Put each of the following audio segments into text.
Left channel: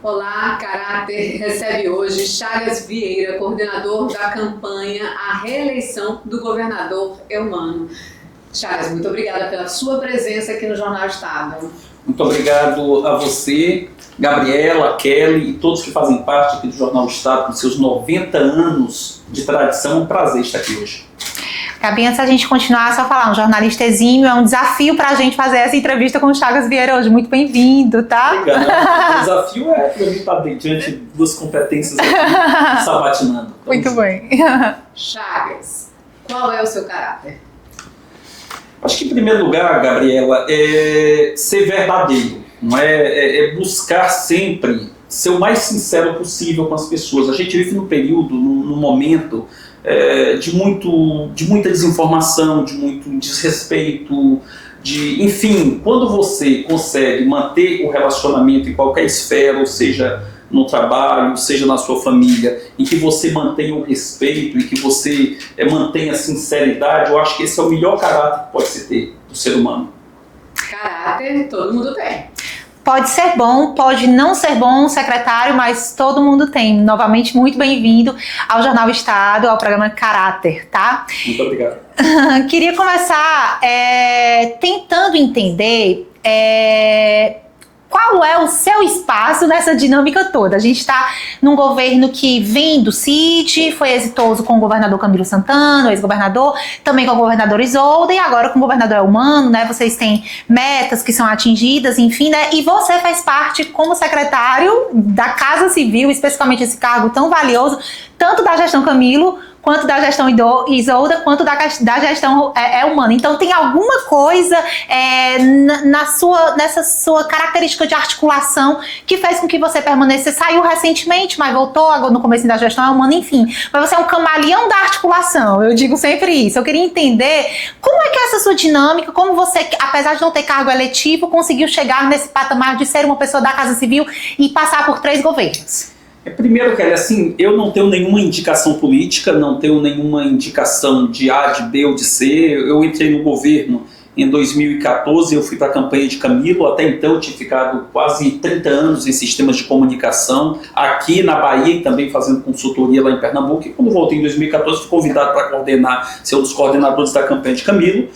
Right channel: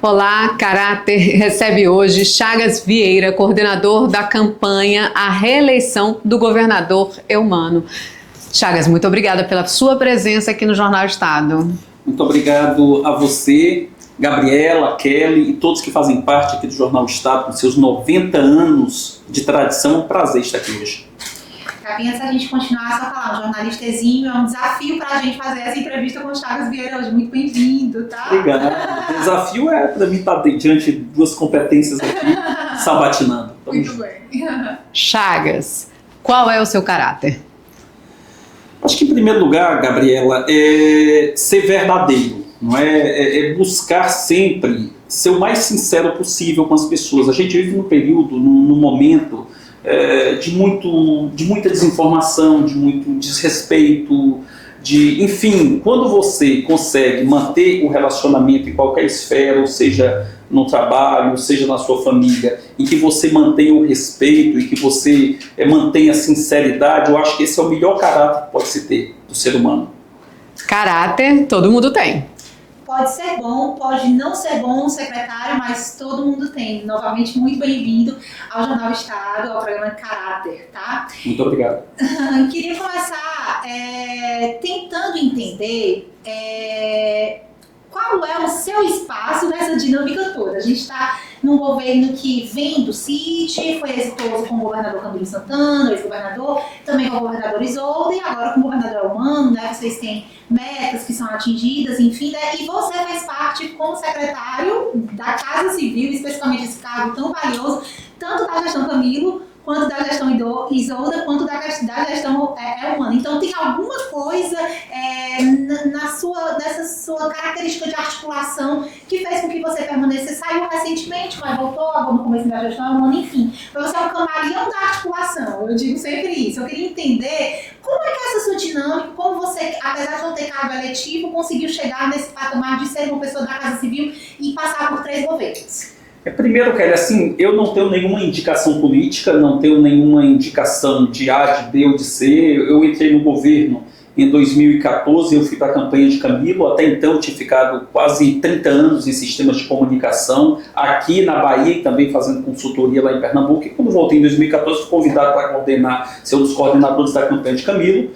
Olá, Caráter recebe hoje Chagas Vieira, coordenador da campanha à reeleição do governador Eumano. Chagas, muito obrigada pela sua presença aqui no Jornal Estado. Muito obrigado a você, Gabriela, Kelly e todos que fazem parte aqui do Jornal Estado, com seus 90 anos de tradição. É um prazer estar aqui hoje. Gabi, antes da gente continuar, só falar, um jornalista exímio, é um desafio pra gente fazer essa entrevista com o Chagas Vieira hoje. Muito bem-vindo, tá? Obrigado. O desafio é para mim estar diante de duas competências aqui, sabatinando. Muito bem. Chagas, qual é o seu caráter? Acho que, em primeiro lugar, Gabriela, é ser verdadeiro, não é? É buscar sempre ser o mais sincero possível com as pessoas. A gente vive num período, num momento de muita desinformação, de muito desrespeito, enfim, quando você consegue manter o relacionamento em qualquer esfera, ou seja, no trabalho, seja na sua família, em que você mantenha o respeito e que você mantenha a sinceridade, eu acho que esse é o melhor caráter que pode se ter do ser humano. Caráter, todo mundo tem. Pode ser bom, pode não ser bom, secretário, mas todo mundo tem. Novamente, muito bem-vindo ao Jornal Estado, ao programa Caráter, tá? Muito obrigado. Queria começar tentando entender qual é o seu espaço nessa dinâmica toda. A gente está num governo que vem do CIT, foi exitoso com o governador Camilo Santana, o ex-governador, também com o governador Isolda e agora com o governador Eumano, né? Vocês têm metas que são atingidas, enfim, né? E você faz parte como secretário da Casa Civil, especificamente esse cargo tão valioso, tanto da gestão Camilo, quanto da gestão Isolda, quanto da gestão Eumano. Então tem alguma coisa nessa sua característica de articulação que fez com que você permanecesse, saiu recentemente, mas voltou agora no começo da gestão Eumano, enfim. Mas você é um camaleão da articulação, eu digo sempre isso. Eu queria entender como é que é essa sua dinâmica, como você, apesar de não ter cargo eletivo, conseguiu chegar nesse patamar de ser uma pessoa da Casa Civil e passar por 3 governos. Primeiro, Kelly, assim, eu não tenho nenhuma indicação política, não tenho nenhuma indicação de A, de B ou de C. Eu entrei no governo em 2014, eu fui para a campanha de Camilo. Até então eu tinha ficado quase 30 anos em sistemas de comunicação, aqui na Bahia e também fazendo consultoria lá em Pernambuco. E quando voltei em 2014, fui convidado para ser um dos coordenadores da campanha de Camilo.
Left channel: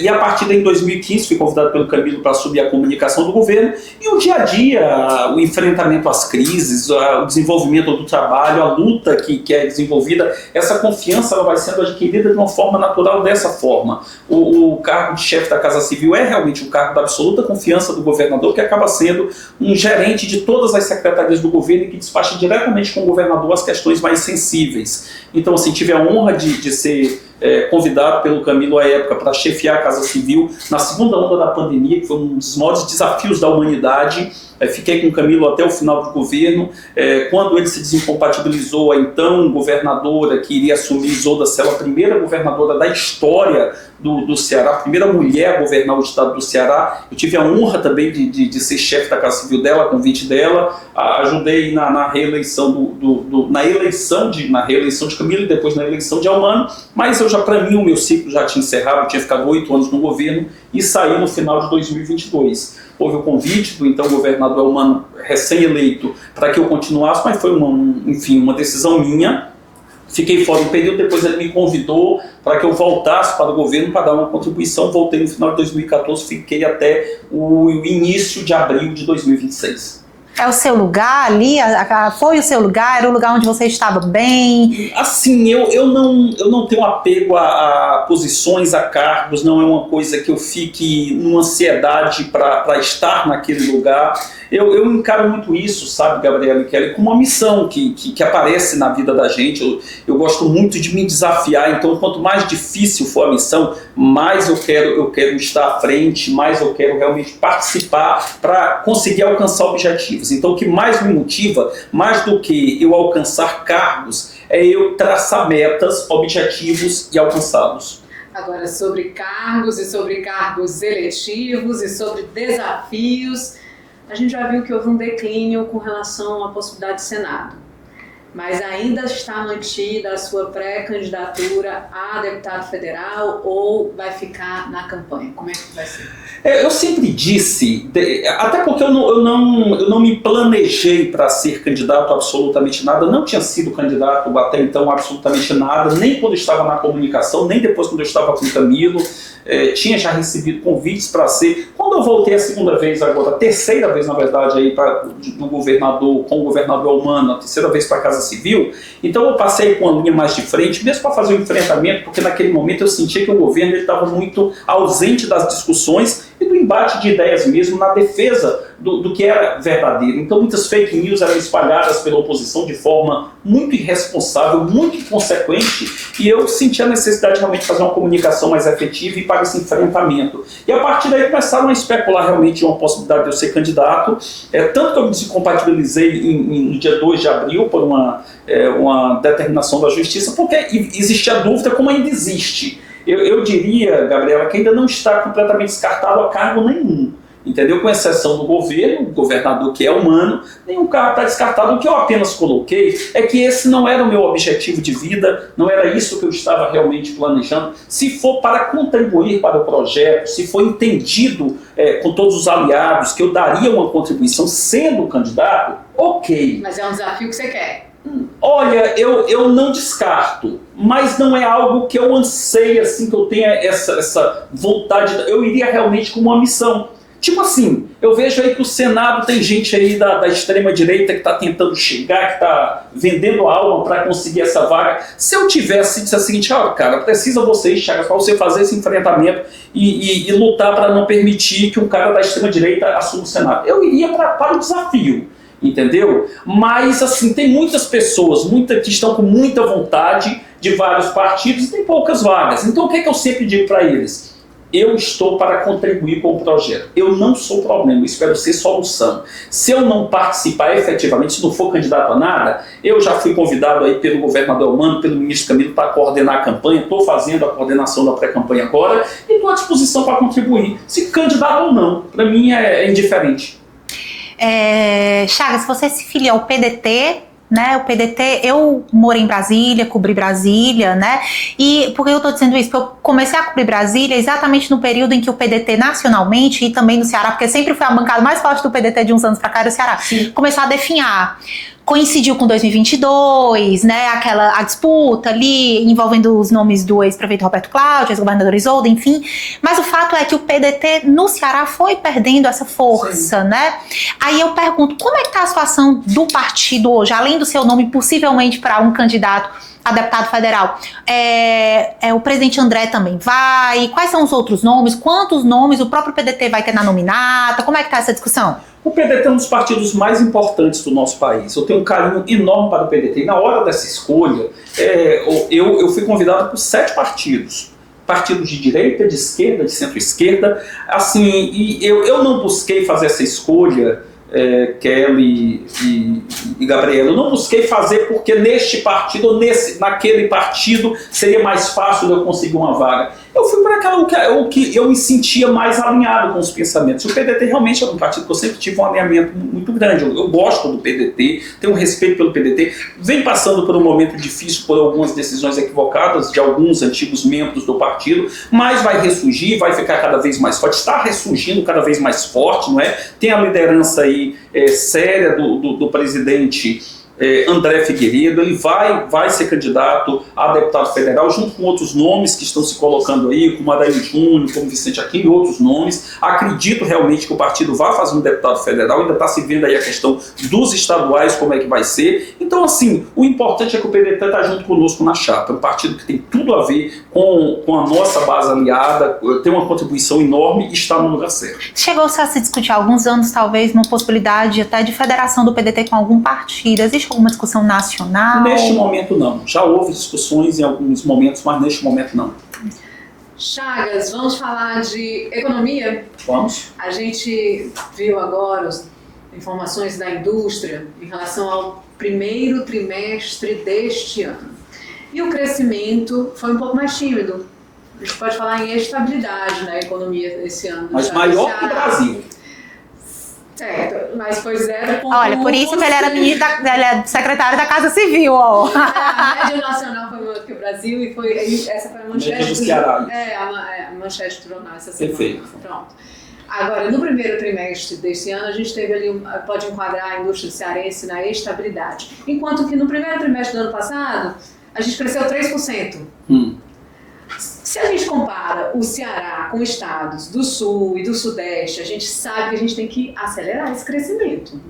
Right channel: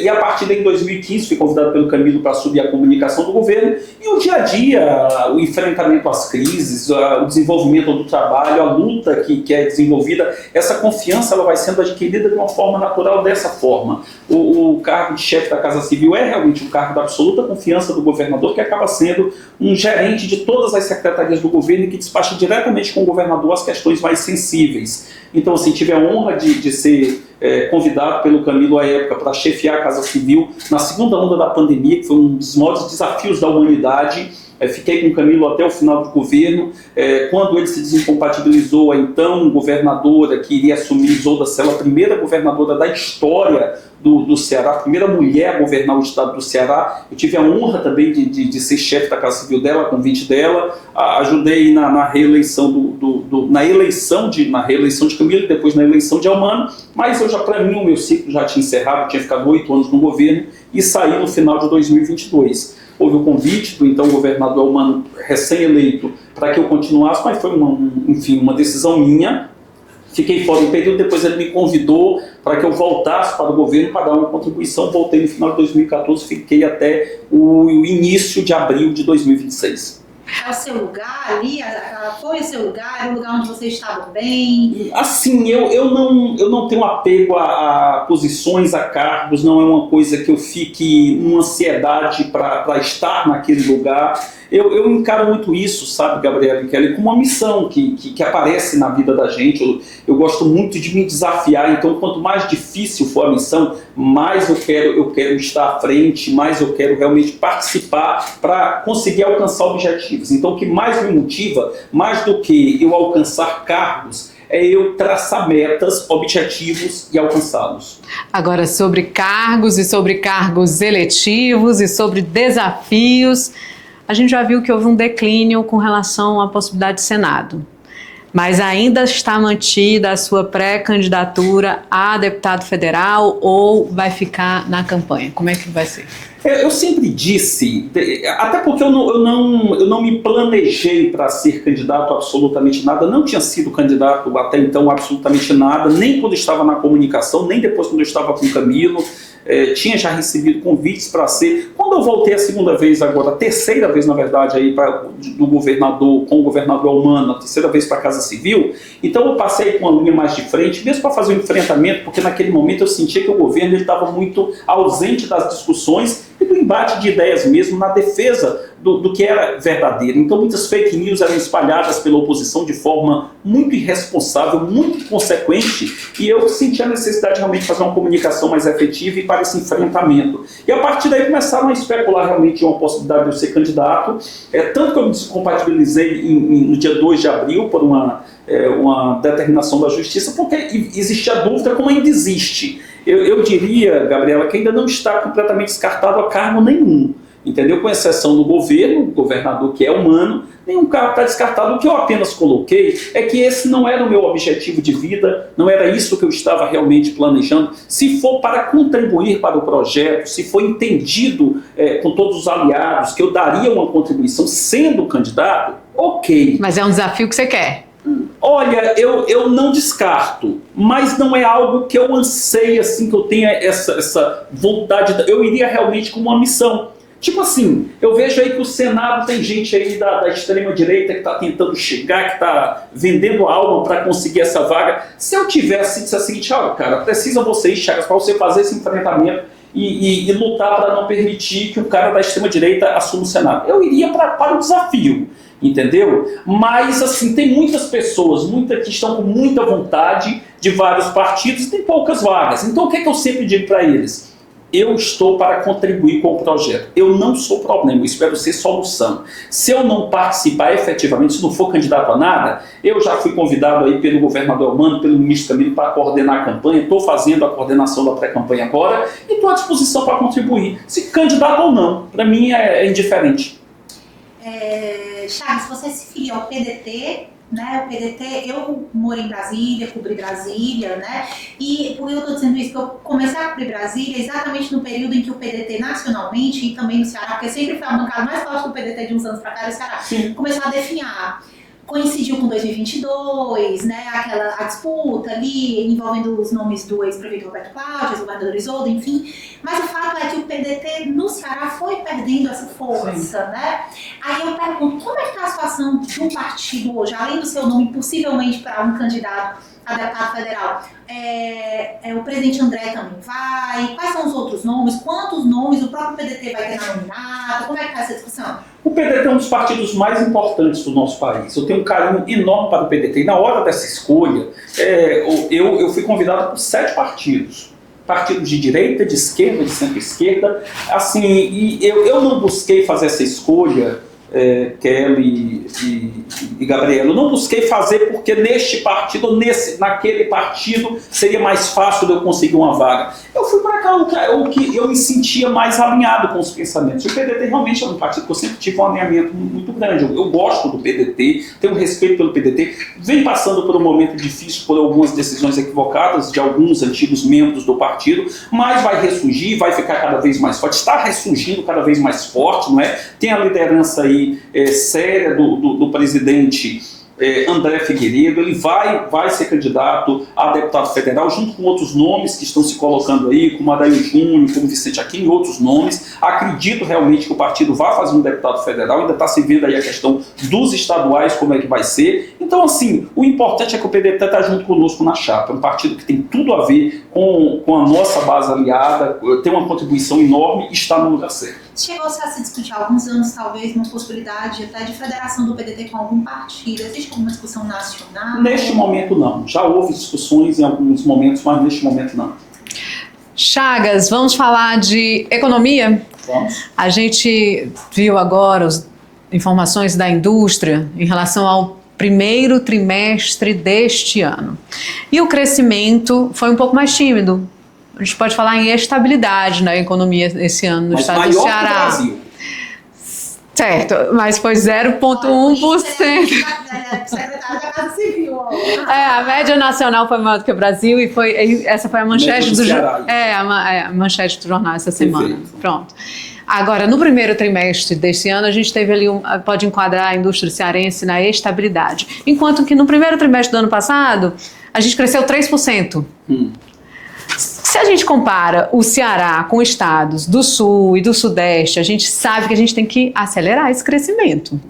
E a partir daí, em 2015, fui convidado pelo Camilo para assumir a comunicação do governo. E o dia a dia, o enfrentamento às crises, o desenvolvimento do trabalho, a luta que é desenvolvida, essa confiança ela vai sendo adquirida de uma forma natural dessa forma. O cargo de chefe da Casa Civil é realmente um cargo da absoluta confiança do governador, que acaba sendo um gerente de todas as secretarias do governo e que despacha diretamente com o governador as questões mais sensíveis. Então, assim, tive a honra de ser convidado pelo Camilo à época para chefiar a Casa Civil na segunda onda da pandemia, que foi um dos maiores desafios da humanidade. Fiquei com o Camilo até o final do governo. Quando ele se desincompatibilizou, a então governadora que iria assumir, Isolda Sela, a primeira governadora da história do Ceará, a primeira mulher a governar o estado do Ceará. Eu tive a honra também de ser chefe da Casa Civil dela, a convite dela. Ajudei na reeleição na reeleição de Camilo e depois na eleição de Eumano. Mas para mim, o meu ciclo já tinha encerrado. Eu tinha ficado 8 anos no governo e saí no final de 2022. Houve o convite do então governador Eumano, recém-eleito, para que eu continuasse, mas foi uma decisão minha. Fiquei fora um período, depois ele me convidou para que eu voltasse para o governo para dar uma contribuição. Voltei no final de 2014, fiquei até o início de abril de 2026. É o seu lugar ali? Foi o seu lugar? Era o lugar onde você estava bem? Assim, eu não tenho apego a posições, a cargos. Não é uma coisa que eu fique numa ansiedade para estar naquele lugar. Eu encaro muito isso, sabe, Gabriela e Kelly, como uma missão que aparece na vida da gente. Eu gosto muito de me desafiar, então quanto mais difícil for a missão, mais eu quero estar à frente, mais eu quero realmente participar para conseguir alcançar objetivos. Então o que mais me motiva, mais do que eu alcançar cargos, é eu traçar metas, objetivos e alcançá-los. Agora, sobre cargos e sobre cargos eletivos e sobre desafios, a gente já viu que houve um declínio com relação à possibilidade de Senado. Mas ainda está mantida a sua pré-candidatura a deputado federal ou vai ficar na campanha? Como é que vai ser? Eu sempre disse, até porque eu não me planejei para ser candidato a absolutamente nada, não tinha sido candidato até então a absolutamente nada, nem quando eu estava na comunicação, nem depois quando eu estava com o Camilo. Tinha já recebido convites para ser. Quando eu voltei a segunda vez agora, a terceira vez na verdade aí do governador, com o governador Eumano, a terceira vez para a Casa Civil, então eu passei com a linha mais de frente, mesmo para fazer um enfrentamento, porque naquele momento eu sentia que o governo estava muito ausente das discussões e do embate de ideias mesmo na defesa do que era verdadeiro. Então muitas fake news eram espalhadas pela oposição de forma muito irresponsável, muito inconsequente, e eu senti a necessidade de realmente fazer uma comunicação mais efetiva e para esse enfrentamento. E a partir daí começaram a especular realmente uma possibilidade de eu ser candidato, tanto que eu me descompatibilizei no dia 2 de abril por uma determinação da Justiça, porque existia dúvida, como ainda existe. Eu diria, Gabriela, que ainda não está completamente descartado a cargo nenhum. Entendeu? Com exceção do governo, o governador que é humano, nenhum cargo está descartado. O que eu apenas coloquei é que esse não era o meu objetivo de vida, não era isso que eu estava realmente planejando. Se for para contribuir para o projeto, se for entendido com todos os aliados que eu daria uma contribuição sendo candidato, ok. Mas é um desafio que você quer? Olha, eu não descarto, mas não é algo que eu anseie, assim, que eu tenha essa vontade. Eu iria realmente com uma missão. Tipo assim, eu vejo aí que o Senado tem gente aí da extrema-direita que está tentando chegar, que está vendendo a alma para conseguir essa vaga. Se eu tivesse dito assim, olha, cara, precisa você, Chagas, para você fazer esse enfrentamento e lutar para não permitir que um cara da extrema-direita assuma o Senado. Eu iria para o desafio, entendeu? Mas, assim, tem muitas pessoas que estão com muita vontade de vários partidos e tem poucas vagas. Então, o que eu sempre digo para eles? Eu estou para contribuir com o projeto. Eu não sou problema, eu espero ser solução. Se eu não participar efetivamente, se não for candidato a nada, eu já fui convidado aí pelo governador Eumano, pelo ministro Camilo, para coordenar a campanha, estou fazendo a coordenação da pré-campanha agora e estou à disposição para contribuir, se candidato ou não. Para mim é indiferente. Chagas, você se filiou ao PDT, né? O PDT, eu morei em Brasília, cobri Brasília, né? E por que eu estou dizendo isso? Porque eu comecei a cobrir Brasília exatamente no período em que o PDT nacionalmente e também no Ceará, porque sempre foi a bancada mais forte do PDT de uns anos para cá, era o Ceará, começou a definhar. Coincidiu com 2022, né, a disputa ali envolvendo os nomes do ex-prefeito Roberto Cláudio, ex-governador Isolda, enfim. Mas o fato é que o PDT no Ceará foi perdendo essa força, né? Aí eu pergunto, como é que está a situação do partido hoje, além do seu nome possivelmente para um candidato a deputado federal? O presidente André também vai? Quais são os outros nomes? Quantos nomes o próprio PDT vai ter na nominata? Como é que está essa discussão? O PDT é um dos partidos mais importantes do nosso país. Eu tenho um carinho enorme para o PDT. E na hora dessa escolha, eu fui convidado por 7 partidos. Partidos de direita, de esquerda, de centro-esquerda. Assim, e eu não busquei fazer essa escolha, Kelly e Gabriela. Eu não busquei fazer porque neste partido ou naquele partido seria mais fácil de eu conseguir uma vaga. Eu fui para o que eu me sentia mais alinhado com os pensamentos. O PDT realmente é um partido que eu sempre tive um alinhamento muito grande. Eu gosto do PDT, tenho um respeito pelo PDT. Vem passando por um momento difícil por algumas decisões equivocadas de alguns antigos membros do partido, mas vai ressurgir, vai ficar cada vez mais forte. Está ressurgindo cada vez mais forte, não é? Tem a liderança aí séria do presidente André Figueiredo. Ele vai ser candidato a deputado federal, junto com outros nomes que estão se colocando aí, como Adair Júnior, como Vicente Aquino e outros nomes. Acredito realmente que o partido vai fazer um deputado federal, ainda está se vendo aí a questão dos estaduais, como é que vai ser. Então, assim, o importante é que o PDT está junto conosco na chapa. É um partido que tem tudo a ver com a nossa base aliada, tem uma contribuição enorme e está no lugar certo. Chegou-se a se discutir há alguns anos, talvez, uma possibilidade até de federação do PDT com algum partido. Existe alguma discussão nacional? Neste momento não. Já houve discussões em alguns momentos, mas neste momento não. Chagas, vamos falar de economia? Vamos. A gente viu agora as informações da indústria em relação ao primeiro trimestre deste ano. E o crescimento foi um pouco mais tímido. A gente pode falar em estabilidade na economia esse ano no estado do Ceará. Que o Brasil. Certo, mas foi 0,1%. Olha, por isso que ele é secretário da Casa Civil, ó. A média nacional foi maior do que o Brasil e essa foi a manchete do jornal. A manchete do jornal essa semana. Perfeito. Pronto. Agora, no primeiro trimestre desse ano, a gente teve ali, pode enquadrar a indústria cearense na estabilidade. Enquanto que no primeiro trimestre do ano passado, a gente cresceu 3%. Se a gente compara o Ceará com estados do Sul e do Sudeste, a gente sabe que a gente tem que acelerar esse crescimento.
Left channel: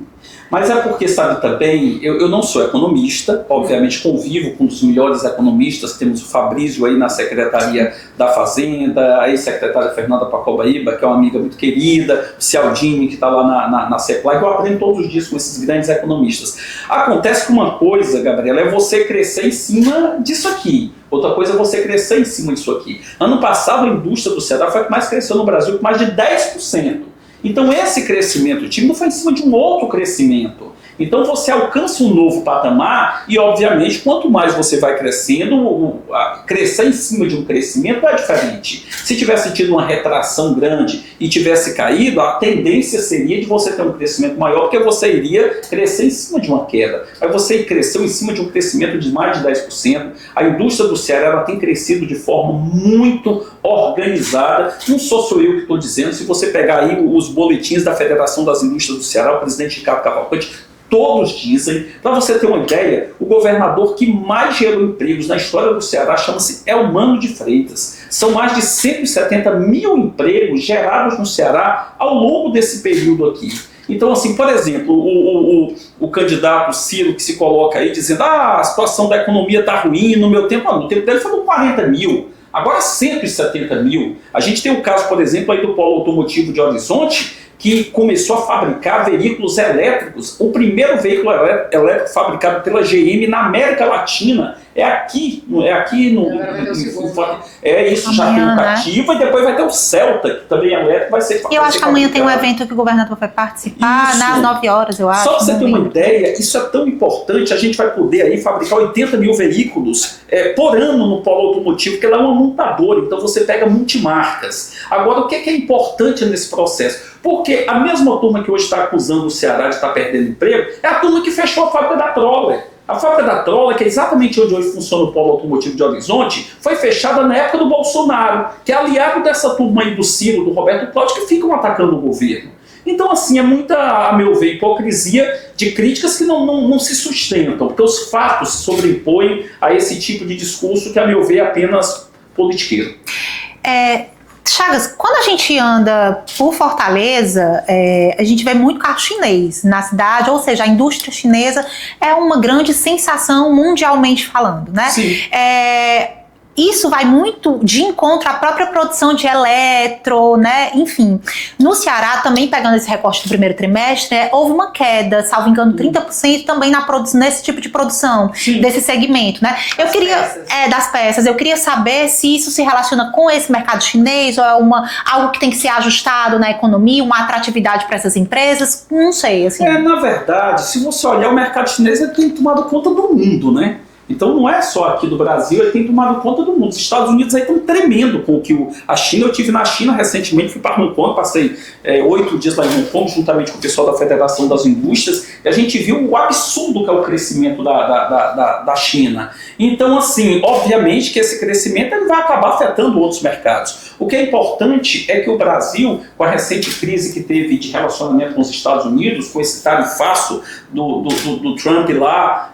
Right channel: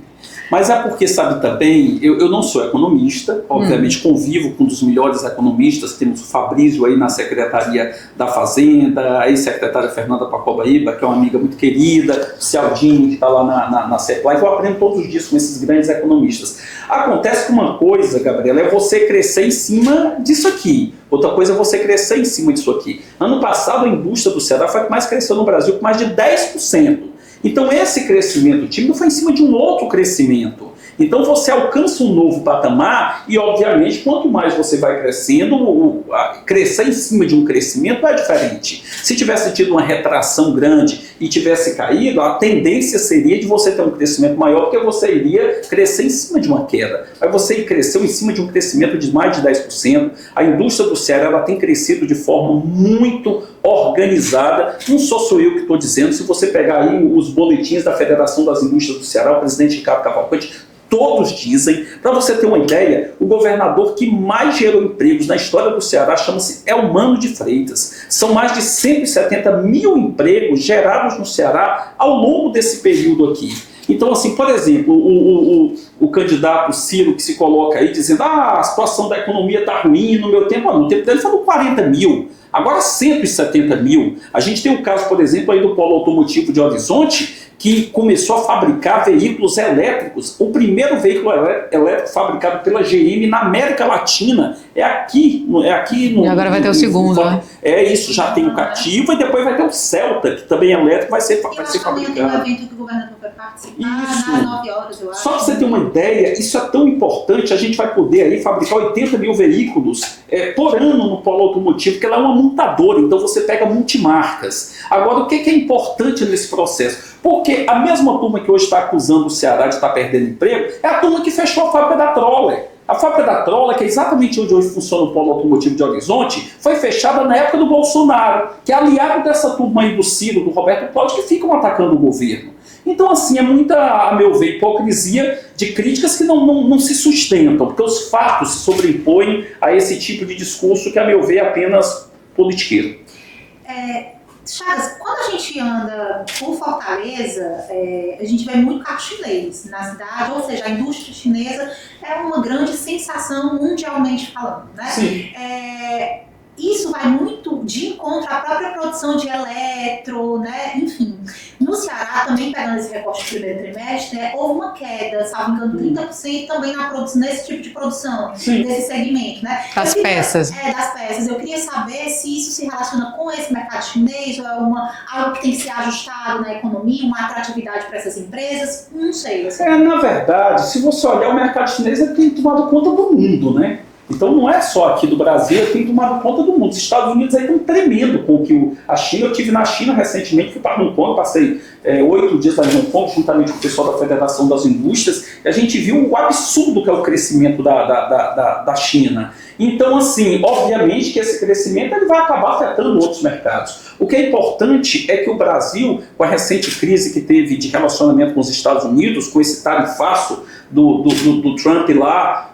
Mas é porque, sabe também, eu não sou economista, obviamente convivo com um dos melhores economistas, temos o Fabrício aí na Secretaria da Fazenda, a ex-secretária Fernanda Pacobaíba, que é uma amiga muito querida, o Cialdini, que está lá na CEPLAG, eu aprendo todos os dias com esses grandes economistas. Acontece que uma coisa, Gabriela, é você crescer em cima disso aqui. Outra coisa é você crescer em cima disso aqui. Ano passado, a indústria do Ceará foi a que mais cresceu no Brasil, com mais de 10%. Então esse crescimento tímido foi em cima de um outro crescimento. Então você alcança um novo patamar e, obviamente, quanto mais você vai crescendo, crescer em cima de um crescimento é diferente. Se tivesse tido uma retração grande e tivesse caído, a tendência seria de você ter um crescimento maior, porque você iria crescer em cima de uma queda. Mas você cresceu em cima de um crescimento de mais de 10%. A indústria do Ceará ela tem crescido de forma muito organizada. Não sou eu que estou dizendo. Se você pegar aí os boletins da Federação das Indústrias do Ceará, o presidente Ricardo Cavalcante, todos dizem. Para você ter uma ideia, o governador que mais gerou empregos na história do Ceará chama-se Elmano de Freitas. São mais de 170 mil empregos gerados no Ceará ao longo desse período aqui. Então, assim, por exemplo, o candidato Ciro que se coloca aí dizendo a situação da economia está ruim, no meu tempo, no tempo dele foram 40 mil. Agora 170 mil. A gente tem o caso, por exemplo, aí do Polo Automotivo de Horizonte, que começou a fabricar veículos elétricos. O primeiro veículo elétrico fabricado pela GM na América Latina é aqui no... E agora vai ter o segundo, né? Isso, já tem o Cativa, né? E depois vai ter o Celta, que também é elétrico, vai ser fabricado. Eu acho que amanhã tem um evento que o governador vai participar, às 9 horas, eu acho. Só para você ter uma ideia, isso é tão importante, a gente vai poder aí fabricar 80 mil veículos por ano no Polo Automotivo, que ela é uma montadora, então você pega multimarcas. Agora, o que é importante nesse processo? Porque a mesma turma que hoje está acusando o Ceará de estar perdendo emprego é a turma que fechou a fábrica da Troller. A fábrica da Troller, que é exatamente onde hoje funciona o Polo Automotivo de Horizonte, foi fechada na época do Bolsonaro, que é aliado dessa turma aí do Ciro, do Roberto Cláudio, que ficam atacando o governo. Então, assim, é muita, a meu ver, hipocrisia de críticas que não se sustentam, porque os fatos se sobrepõem a esse tipo de discurso que, a meu ver, é apenas politiqueiro. Chagas, quando a gente anda por Fortaleza, a gente vê muito carro chinês na cidade, ou seja, a indústria chinesa é uma grande sensação mundialmente falando, né? Sim. Isso vai muito de encontro à própria produção de eletro, né? Enfim, no Ceará, também pegando esse recorte do primeiro trimestre, houve uma queda, salvo engano, 30% também nesse tipo de produção, desse segmento, né? Das peças. Eu queria saber se isso se relaciona com esse mercado chinês ou é algo que tem que ser ajustado na economia, uma atratividade para essas empresas, não sei. Assim. Na verdade, se você olhar, o mercado chinês ele tem tomado conta do mundo, né? Então não é só aqui do Brasil, ele tem tomado conta do mundo. Os Estados Unidos aí estão tremendo com o que a China... Eu estive na China recentemente, fui para Hong Kong, passei 8 dias lá em Hong Kong, juntamente com o pessoal da Federação das Indústrias, e a gente viu o absurdo que é o crescimento da China. Então, assim, obviamente que esse crescimento ele vai acabar afetando outros mercados. O que é importante é que o Brasil, com a recente crise que teve de relacionamento com os Estados Unidos, com esse tarifaço do Trump lá,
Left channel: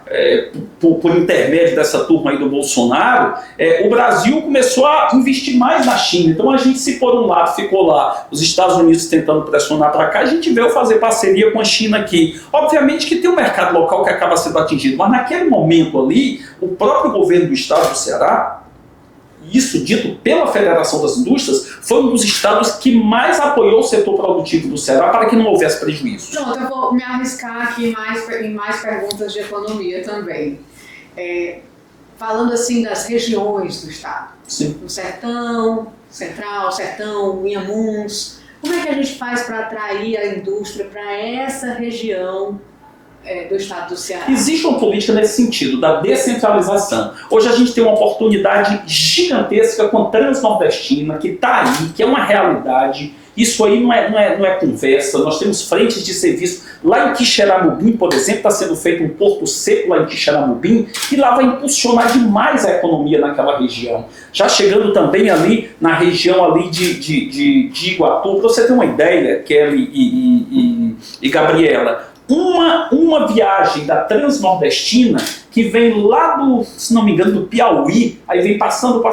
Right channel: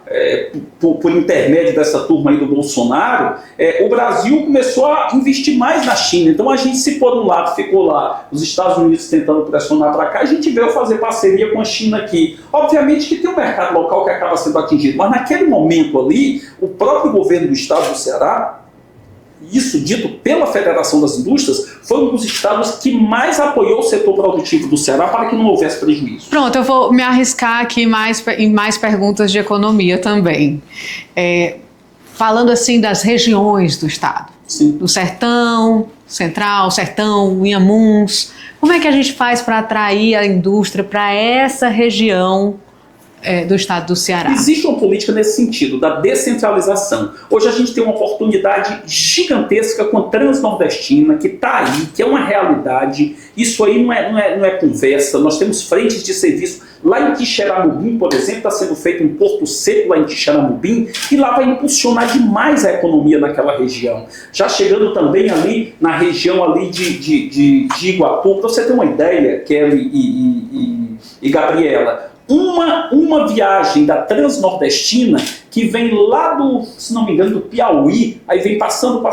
por intermédio dessa turma aí do Bolsonaro, o Brasil começou a investir mais na China. Então a gente, se por um lado ficou lá, os Estados Unidos tentando pressionar para cá, a gente veio fazer parceria com a China aqui. Obviamente que tem um mercado local que acaba sendo atingido, mas naquele momento ali, o próprio governo do estado do Ceará, isso dito pela Federação das Indústrias, foi um dos estados que mais apoiou o setor produtivo do Ceará para que não houvesse prejuízo. Pronto, eu vou me arriscar aqui em mais perguntas de economia também. Falando assim das regiões do estado. Sim. Do Sertão, Central, Sertão, Inhamuns. Como é que a gente faz para atrair a indústria para essa região do estado do Ceará? Existe uma política nesse sentido, da descentralização. Hoje a gente tem uma oportunidade gigantesca com a Transnordestina, que está aí, que é uma realidade. Isso aí não é conversa. Nós temos frentes de serviço. Lá em Quixeramobim, por exemplo, está sendo feito um porto seco lá em Quixeramobim, e lá vai impulsionar demais a economia naquela região. Já chegando também ali na região ali de Iguatu, para você ter uma ideia, Kelly e Gabriela, uma viagem da Transnordestina que vem lá se não me engano, do Piauí, aí vem passando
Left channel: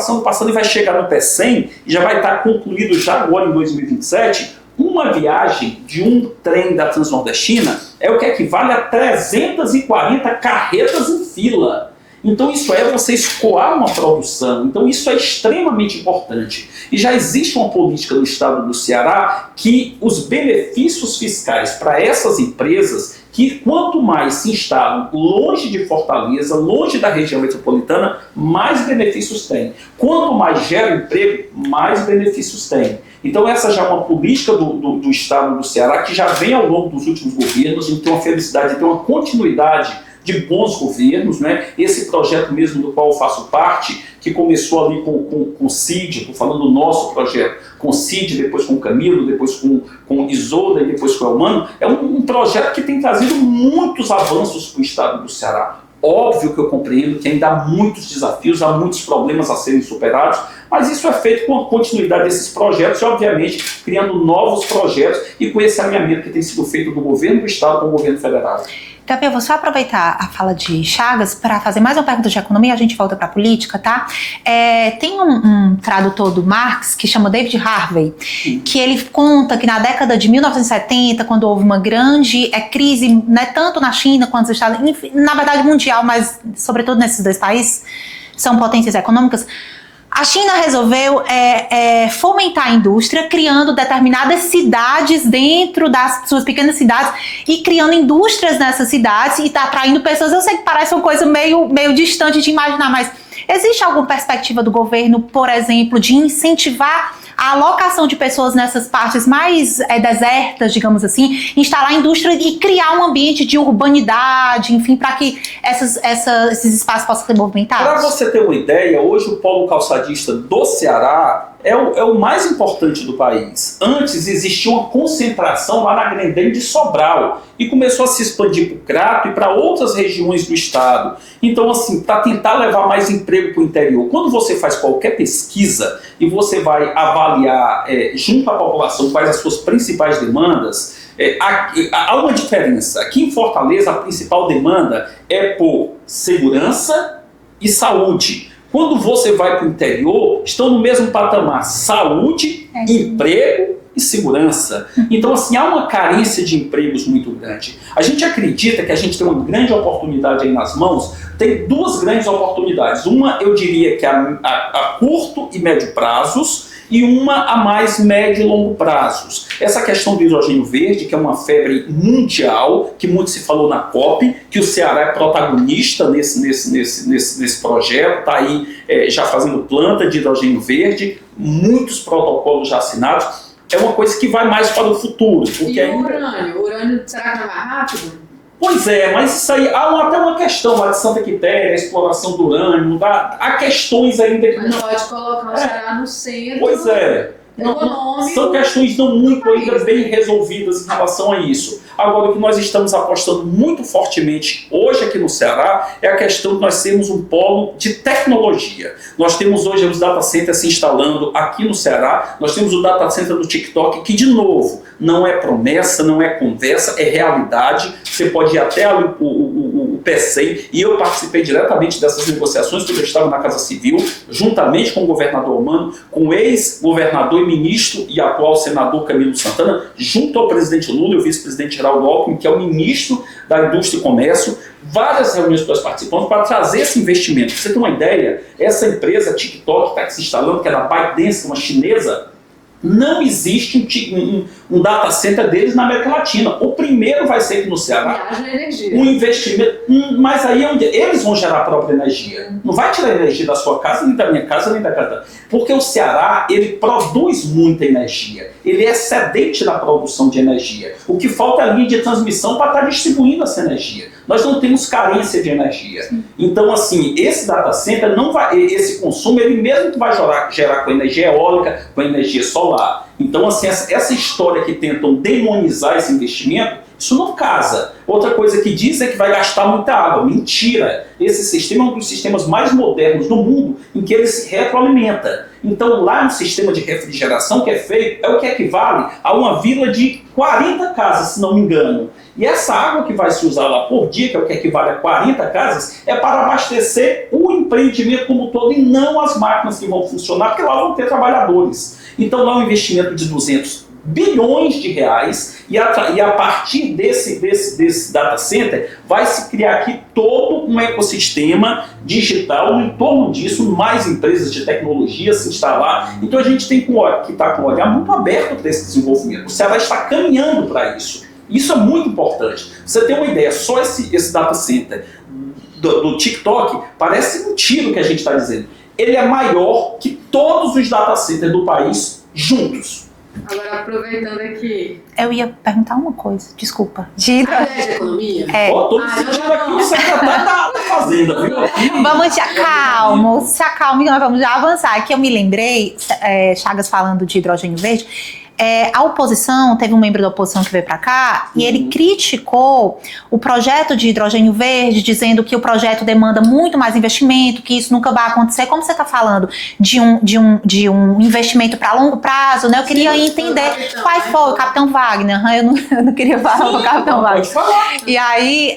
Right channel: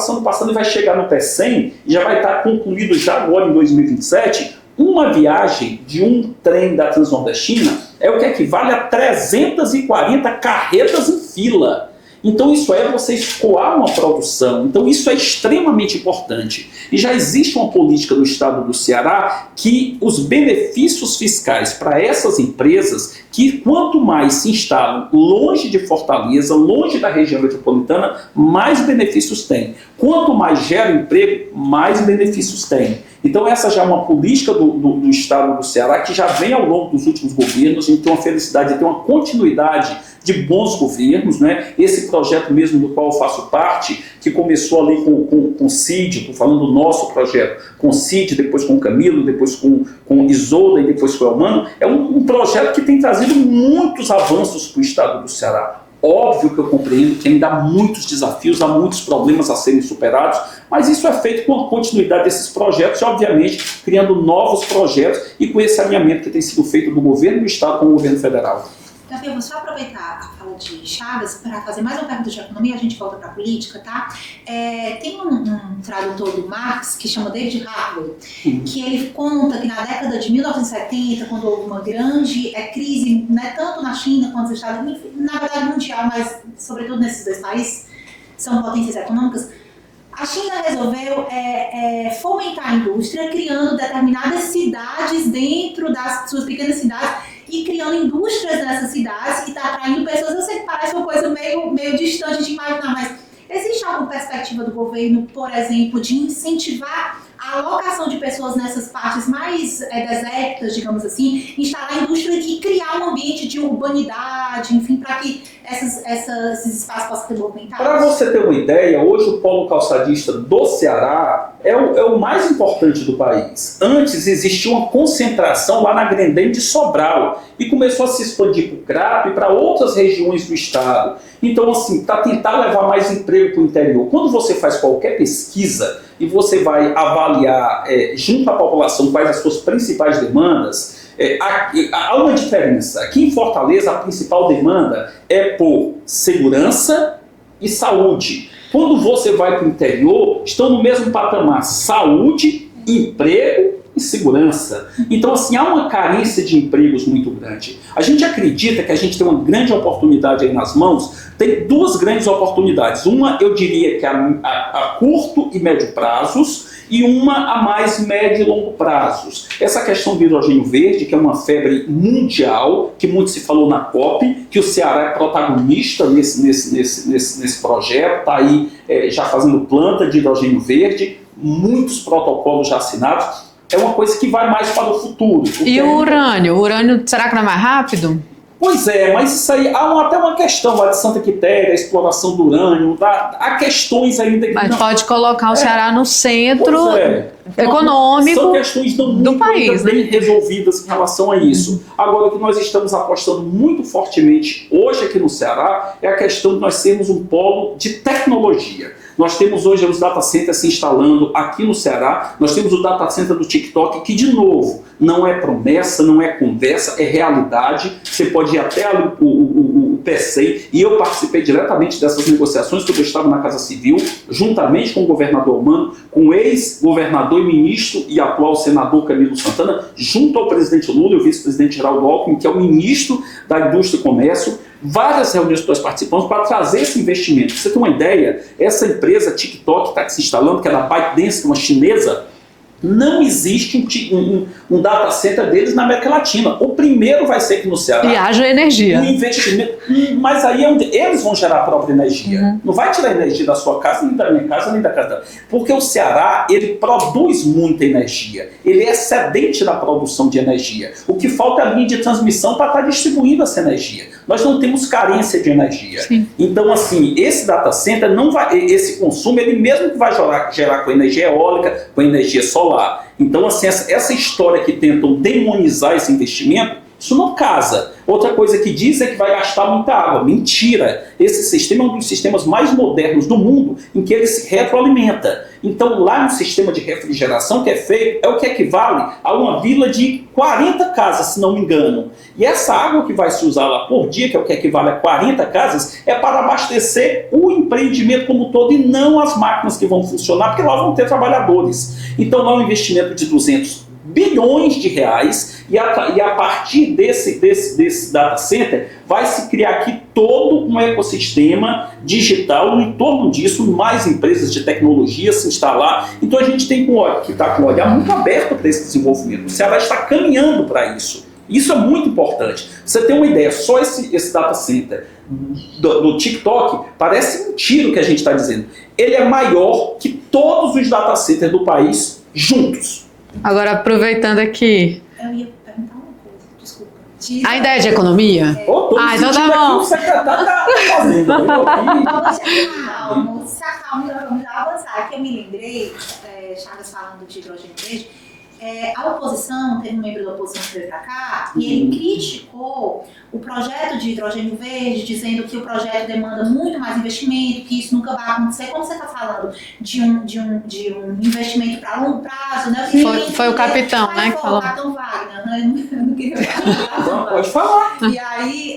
e vai chegar no Pecém, e já vai estar concluído já agora em 2027, uma viagem de um trem da Transnordestina é o que equivale a 340 carretas em fila. Então isso é você escoar uma produção, então isso é extremamente importante. E já existe uma política no estado do Ceará que os benefícios fiscais para essas empresas, que quanto mais se instalam longe de Fortaleza, longe da região metropolitana, mais benefícios tem. Quanto mais gera emprego, mais benefícios tem. Então essa já é uma política do estado do Ceará que já vem ao longo dos últimos governos. A gente tem uma felicidade de ter uma continuidade de bons governos, né? Esse projeto mesmo do qual eu faço parte, que começou ali com o Cid, falando do nosso projeto, com o Cid, depois com o Camilo, depois com Isolda e depois com o Elmano, é um projeto que tem trazido muitos avanços para o estado do Ceará. Óbvio que eu compreendo que ainda há muitos desafios, há muitos problemas a serem superados, mas isso é feito com a continuidade desses projetos e, obviamente, criando novos projetos e com esse alinhamento que tem sido feito do governo do estado com o governo federal. Gabriel, vou só aproveitar a fala de Chagas para fazer mais uma pergunta de economia, a gente volta para a política, tá? Tem um tradutor do Marx que chama David Harvey, que ele conta que na década de 1970, quando houve uma grande crise, né, tanto na China quanto nos Estados Unidos, na verdade mundial, mas sobretudo nesses dois países, são potências econômicas, a China resolveu fomentar a indústria, criando determinadas cidades dentro das suas pequenas cidades e criando indústrias nessas cidades e está atraindo pessoas. Eu sei que parece uma coisa meio distante de imaginar, mas existe alguma perspectiva do governo, por exemplo, de incentivar a alocação de pessoas nessas partes mais desertas, digamos assim, instalar indústria e criar um ambiente de urbanidade, enfim, para que esses espaços possam ser movimentados? Para você ter uma ideia, hoje o polo calçadista do Ceará é o mais importante do país. Antes existia uma concentração lá na Grendene de Sobral e começou a se expandir para o Crato e para outras regiões do estado. Então, assim, para tentar levar mais emprego para o interior, quando você faz qualquer pesquisa e você vai avaliar junto à população quais as suas principais demandas, há uma diferença. Aqui em Fortaleza, a principal demanda é por segurança e saúde. Quando você vai para o interior, estão no mesmo patamar: saúde, emprego e segurança. Então, assim, há uma carência de empregos muito grande. A gente acredita que a gente tem uma grande oportunidade aí nas mãos. Tem duas grandes oportunidades. Uma, eu diria que a curto e médio prazos, e uma a mais médio e longo prazos. Essa questão do hidrogênio verde, que é uma febre mundial, que muito se falou na COP, que o Ceará é protagonista nesse projeto, está aí já fazendo planta de hidrogênio verde, muitos protocolos já assinados. É uma coisa que vai mais para o futuro. E o urânio? O urânio, será que não é mais rápido? Pois é, mas isso aí, há até uma questão lá de Santa Quitéria, a exploração do urânio, há questões ainda que... Mas não pode colocar o Ceará no centro econômico são questões não muito país, bem resolvidas em relação a isso. Agora, o que nós estamos apostando muito fortemente hoje aqui no Ceará é a questão de nós sermos um polo de tecnologia. Nós temos hoje os data centers se instalando aqui no Ceará, nós temos o data center do TikTok, que, de novo, não é promessa, não é conversa, é realidade. Você pode ir até ali o PCI, e eu participei diretamente dessas negociações quando eu estava na Casa Civil, juntamente com o governador Elmano, com o ex-governador e ministro e atual senador Camilo Santana, junto ao presidente Lula e o vice-presidente Geraldo Alckmin, que é o ministro da Indústria e Comércio. Várias reuniões que nós participamos para trazer esse investimento. Pra você ter uma ideia, essa empresa TikTok está se instalando, que é da ByteDance, uma chinesa, Não existe um data center deles na América Latina. O primeiro vai ser aqui no Ceará. E haja energia. Um investimento. Mas aí é onde eles vão gerar a própria energia. Não vai tirar energia da sua casa, nem da minha casa, nem da casa. Porque o Ceará, ele produz muita energia. Ele é excedente na produção de energia. O que falta é a linha de transmissão para estar distribuindo essa energia. Nós não temos carência de energia. Sim. Então, assim, esse data center não vai, esse consumo, ele mesmo que vai gerar com energia eólica, com energia solar. Então, assim, essa história que tentam demonizar esse investimento, isso não casa. Outra coisa que diz é que vai gastar muita água. Mentira! Esse sistema é um dos sistemas mais modernos do mundo em que ele se retroalimenta. Então, lá no sistema de refrigeração que é feito, é o que equivale a uma vila de 40 casas, se não me engano. E essa água que vai se usar lá por dia, que é o que equivale a 40 casas, é para abastecer o empreendimento como todo e não as máquinas que vão funcionar, porque lá vão ter trabalhadores. Então, lá é um investimento de 200 bilhões de reais e a partir desse data center vai se criar aqui todo um ecossistema digital, em torno disso mais empresas de tecnologia se instalar. Então a gente tem que estar com o olhar muito aberto para esse desenvolvimento. O Ceará está caminhando para isso. Isso é muito importante. Você tem uma ideia, só esse data center do TikTok parece um tiro que a gente está dizendo. Ele é maior que todos os data centers do país juntos. Agora, aproveitando aqui... Eu ia perguntar uma coisa, desculpa. A ideia de economia? É. Então tá bom. O secretário da Fazenda, viu? Vamos se acalme, que nós vamos já avançar. Aqui eu me lembrei, Chagas falando de hidrogênio verde, a oposição, teve um membro da oposição que veio para cá e ele criticou o projeto de hidrogênio verde, dizendo que o projeto demanda muito mais investimento, que isso nunca vai acontecer. Como você está falando de um investimento para longo prazo, né? Eu queria entender. Foi o capitão, Qual foi? O Capitão Wagner. Eu não queria falar do Capitão Wagner. E aí,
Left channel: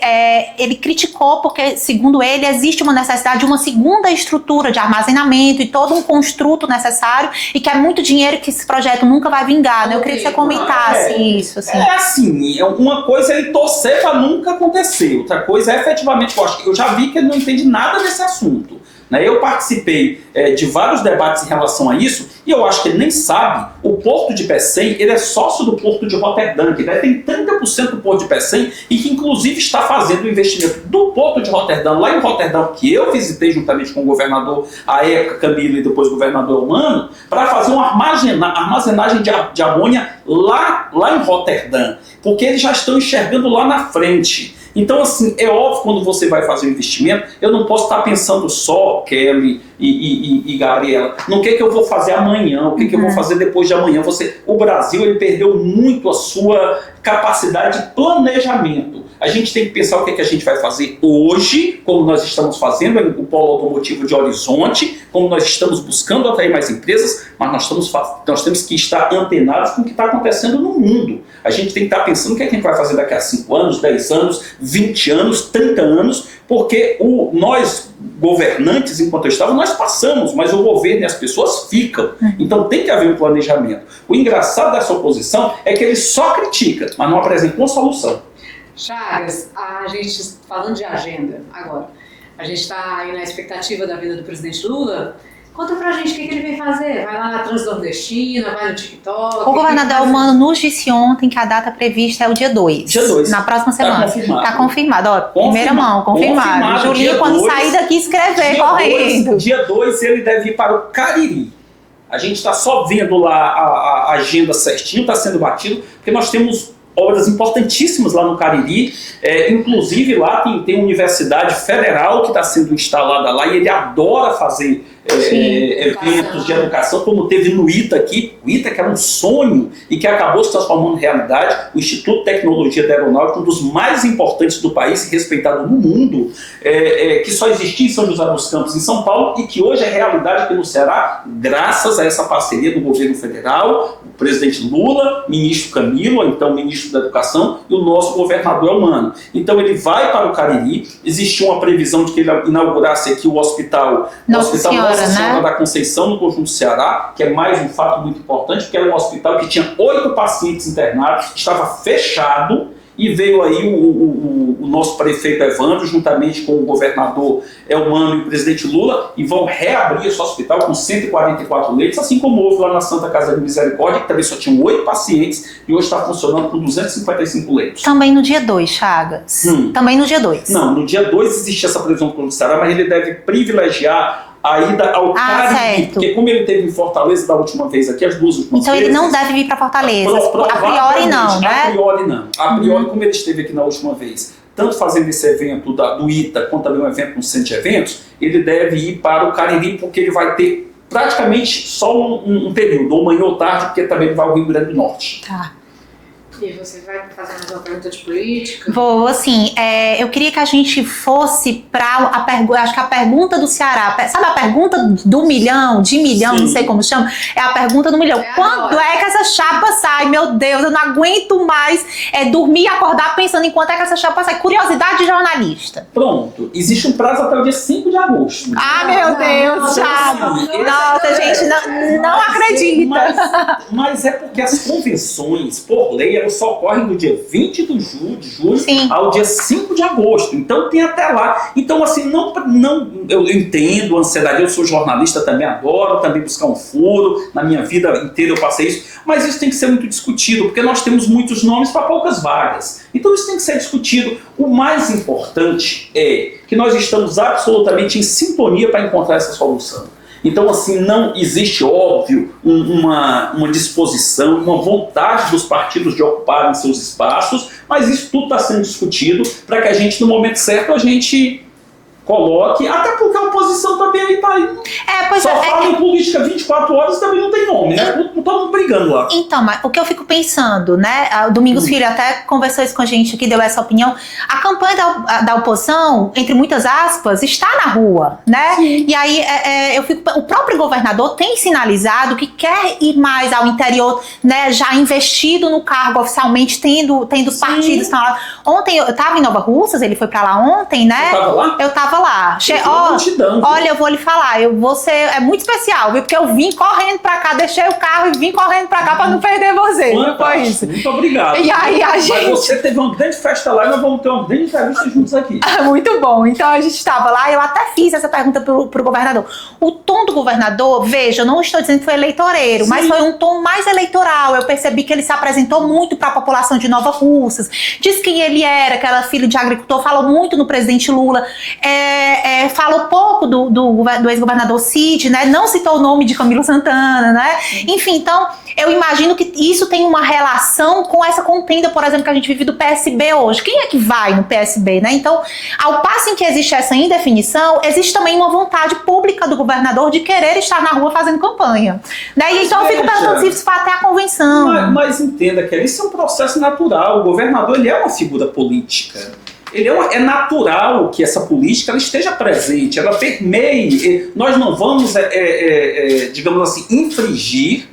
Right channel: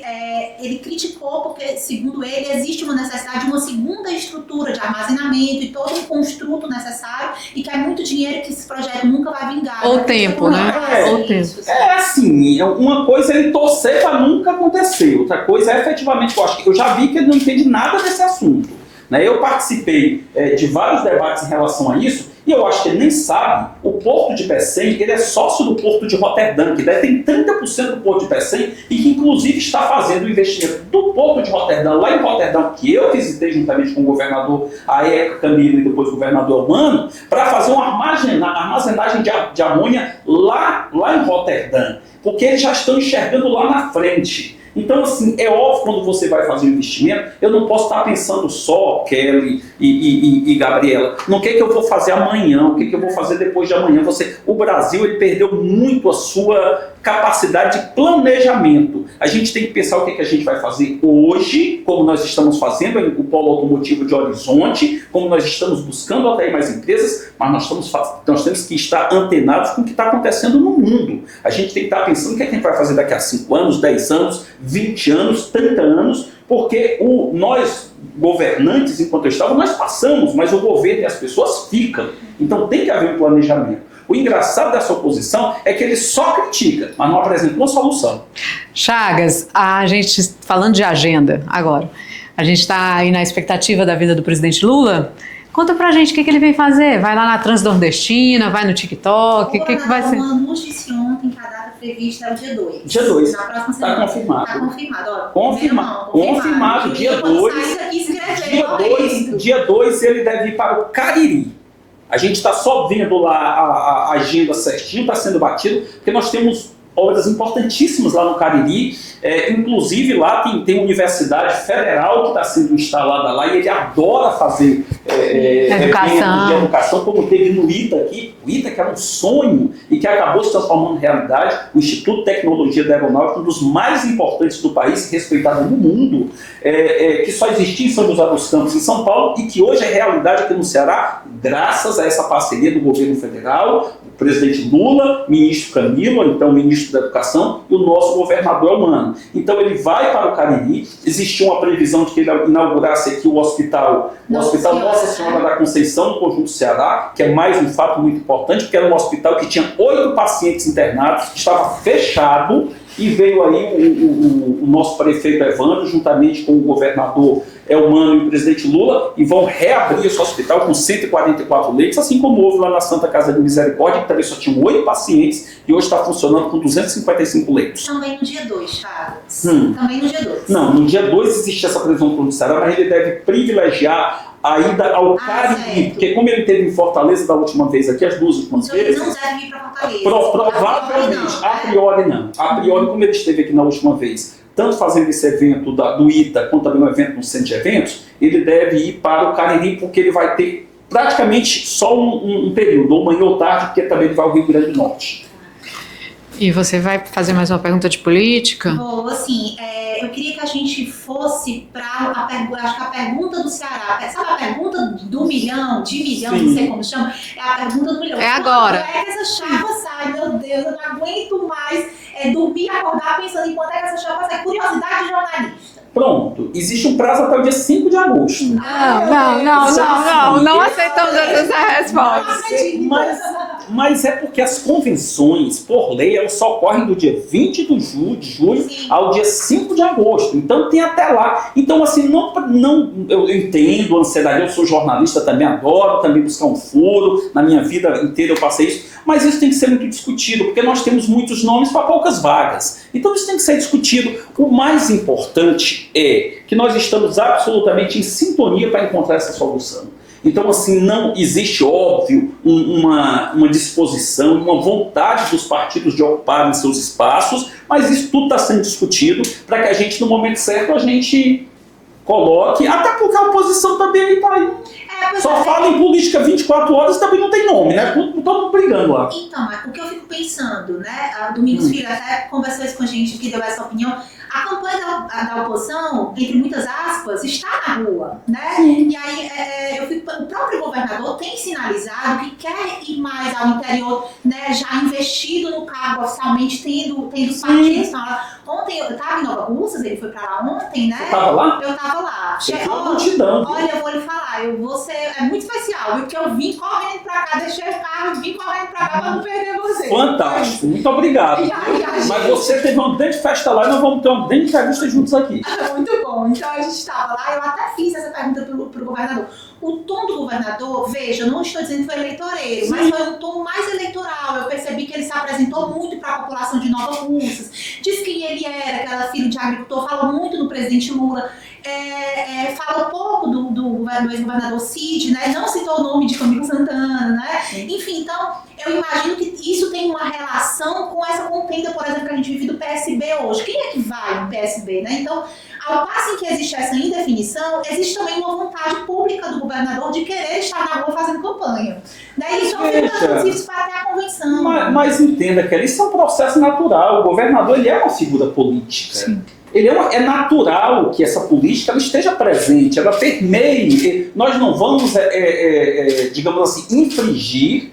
ele criticou porque, segundo ele, existe uma necessidade de uma segunda estrutura de armazenamento e todo um construto necessário e que é muito dinheiro que esse projeto nunca vai vingar. Eu queria que você comentasse isso. Assim. Uma coisa é ele torcer para nunca acontecer, outra coisa é efetivamente, eu já vi que ele não entende nada desse assunto. Eu participei de vários debates em relação a isso e eu acho que ele nem sabe. O Porto de Pecém, ele é sócio do Porto de Roterdã, que tem 30% do Porto de Pecém e que inclusive está fazendo o investimento do Porto de Roterdã, lá em Roterdã, que eu visitei juntamente com o governador, à época Camilo e depois o governador Elmano, para fazer uma armazenagem de amônia lá em Roterdã, porque eles já estão enxergando lá na frente. Então, assim, é óbvio quando você vai fazer um investimento, eu não posso estar pensando só, Kelly e Gabriela, no que eu vou fazer amanhã, o que eu vou fazer depois de amanhã. O Brasil, ele perdeu muito a sua capacidade de planejamento. A gente tem que pensar o que a gente vai fazer hoje, como nós estamos fazendo o polo automotivo de Horizonte, como nós estamos buscando atrair mais empresas, mas nós temos que estar antenados com o que está acontecendo no mundo. A gente tem que estar pensando o que a gente vai fazer daqui a 5 anos, 10 anos, 20 anos, 30 anos, porque nós, governantes, enquanto eu estava, nós passamos, mas o governo e as pessoas ficam. Então tem que haver um planejamento. O engraçado dessa oposição é que ele só critica, mas não apresenta uma solução. Chagas, a gente, falando de agenda agora, a gente está aí na expectativa da vinda do presidente Lula. Conta pra gente o que ele vem fazer. Vai lá na Transnordestina, vai no TikTok? O governador Elmano nos disse ontem que a data prevista é o dia 2. Dia 2. Na próxima semana. Tá confirmado. Ó, primeira mão, confirmado. Julinho, quando sair daqui, escrever, correndo. Dia 2 ele deve ir para o Cariri. A gente está só vendo lá a agenda certinho, está sendo batido, porque nós temos obras importantíssimas lá no Cariri, inclusive lá tem uma universidade federal que está sendo instalada lá e ele adora fazer eventos de educação, como teve no ITA aqui, o ITA que era um sonho e que acabou se transformando em realidade, o Instituto de Tecnologia da Aeronáutica, um dos mais importantes do país, respeitado no mundo, que só existia em São José dos Campos, em São Paulo, e que hoje é realidade aqui no Ceará, graças a essa parceria do governo federal, o presidente Lula, ministro Camilo, então ministro da Educação, e o nosso governador Elmano. Então ele vai para o Cariri, existiu uma previsão de que ele inaugurasse aqui o hospital Nossa Senhora da Conceição, no Conjunto Ceará, que é mais um fato muito importante, porque era um hospital que tinha 8 pacientes internados, estava fechado, e veio aí o nosso prefeito Evandro, juntamente com o governador Elmano e o presidente Lula, e vão reabrir esse hospital com 144 leitos, assim como houve lá na Santa Casa de Misericórdia, que também só tinham 8 pacientes, e hoje está funcionando com 255 leitos. Também no dia 2, Chagas. Também no dia 2. Não, no dia 2 existe essa previsão do plano de Ceará, mas ele deve privilegiar a ida ao Cariri, porque como ele teve em Fortaleza da última vez aqui, as duas últimas então vezes... Então ele não deve vir para Fortaleza, a priori não, né? A priori não. A priori, como ele esteve aqui na última vez, tanto fazendo esse evento do ITA, quanto também um evento no centro de eventos, ele deve ir para o Cariri, porque ele vai ter praticamente só um período, ou manhã ou tarde, porque também ele vai ao Rio Grande do Norte. Tá. E você vai fazer mais uma pergunta de política? Vou, assim, eu queria que a gente fosse para a pergunta, acho que a pergunta do Ceará, sabe a pergunta do milhão, de milhão, Sim. Não sei como chama, é a pergunta do milhão. Quando agora. é que essa chapa sai? Meu Deus, eu não aguento mais dormir e acordar pensando em quanto é que essa chapa sai. Curiosidade de jornalista. Pronto, existe um prazo até o dia 5 de agosto. Meu Deus, não aceitamos essa resposta. Não acredita. Mas é porque as convenções, por lei, elas só ocorrem do dia 20 de julho Sim. ao dia 5 de agosto. Então tem até lá. Então, assim, eu entendo a ansiedade. Eu sou jornalista, também adoro também buscar um furo. Na minha vida inteira eu passei isso. Mas isso tem que ser muito discutido, porque nós temos muitos nomes para poucas vagas. Então isso tem que ser discutido. O mais importante é que nós estamos absolutamente em sintonia para encontrar essa solução. Então, assim, não existe, óbvio, uma disposição, uma vontade dos partidos de ocuparem seus espaços, mas isso tudo está sendo discutido para que a gente, no momento certo, a gente coloque, até porque a oposição também está aí. Só fala em política 24 horas e também não tem nome, né? Todo mundo brigando lá. Então, mas o que eu fico pensando, né? O Domingos Filho até conversou isso com a gente aqui, deu essa opinião. A campanha da oposição, entre muitas aspas, está na rua, né? Sim. E aí o próprio governador tem sinalizado que quer ir mais ao interior, né? Já investido no cargo oficialmente, tendo os partidos. Ontem eu estava em Nova Russas, ele foi para lá ontem, né? Você estava lá? Eu estava lá. Multidão, olha, eu vou lhe falar, você é muito especial, viu? Porque eu vim correndo pra cá, deixei o carro e vim correndo pra cá pra não perder você. Fantástico, muito obrigado. E aí, Mas você teve uma grande festa lá e nós vamos ter uma grande entrevista juntos aqui. Muito bom. Então a gente estava lá, eu até fiz essa pergunta pro governador. O tom do governador, veja, eu não estou dizendo que foi eleitoreiro, mas foi um tom mais eleitoral. Eu percebi que ele se apresentou muito para a população de Nova Russas, disse quem ele era, que era filho de agricultor, falou muito no presidente Lula, falou pouco do ex-governador Cid, né? Não citou o nome de Camilo Santana, né? Enfim, então eu imagino que isso tem uma relação com essa contenda, por exemplo, que a gente vive do PSB hoje. Quem é que vai no PSB, né? Então, ao passo em que existe essa indefinição, existe também uma vontade pública do governador de querer estar na rua fazendo campanha, né? E então eu fico pensando se isso vai até a convenção. Mas entenda, Kelly, isso é um processo natural. O governador, ele é uma figura política. Sim. É natural que essa política ela esteja presente, ela permeie. Nós não vamos, digamos assim, infringir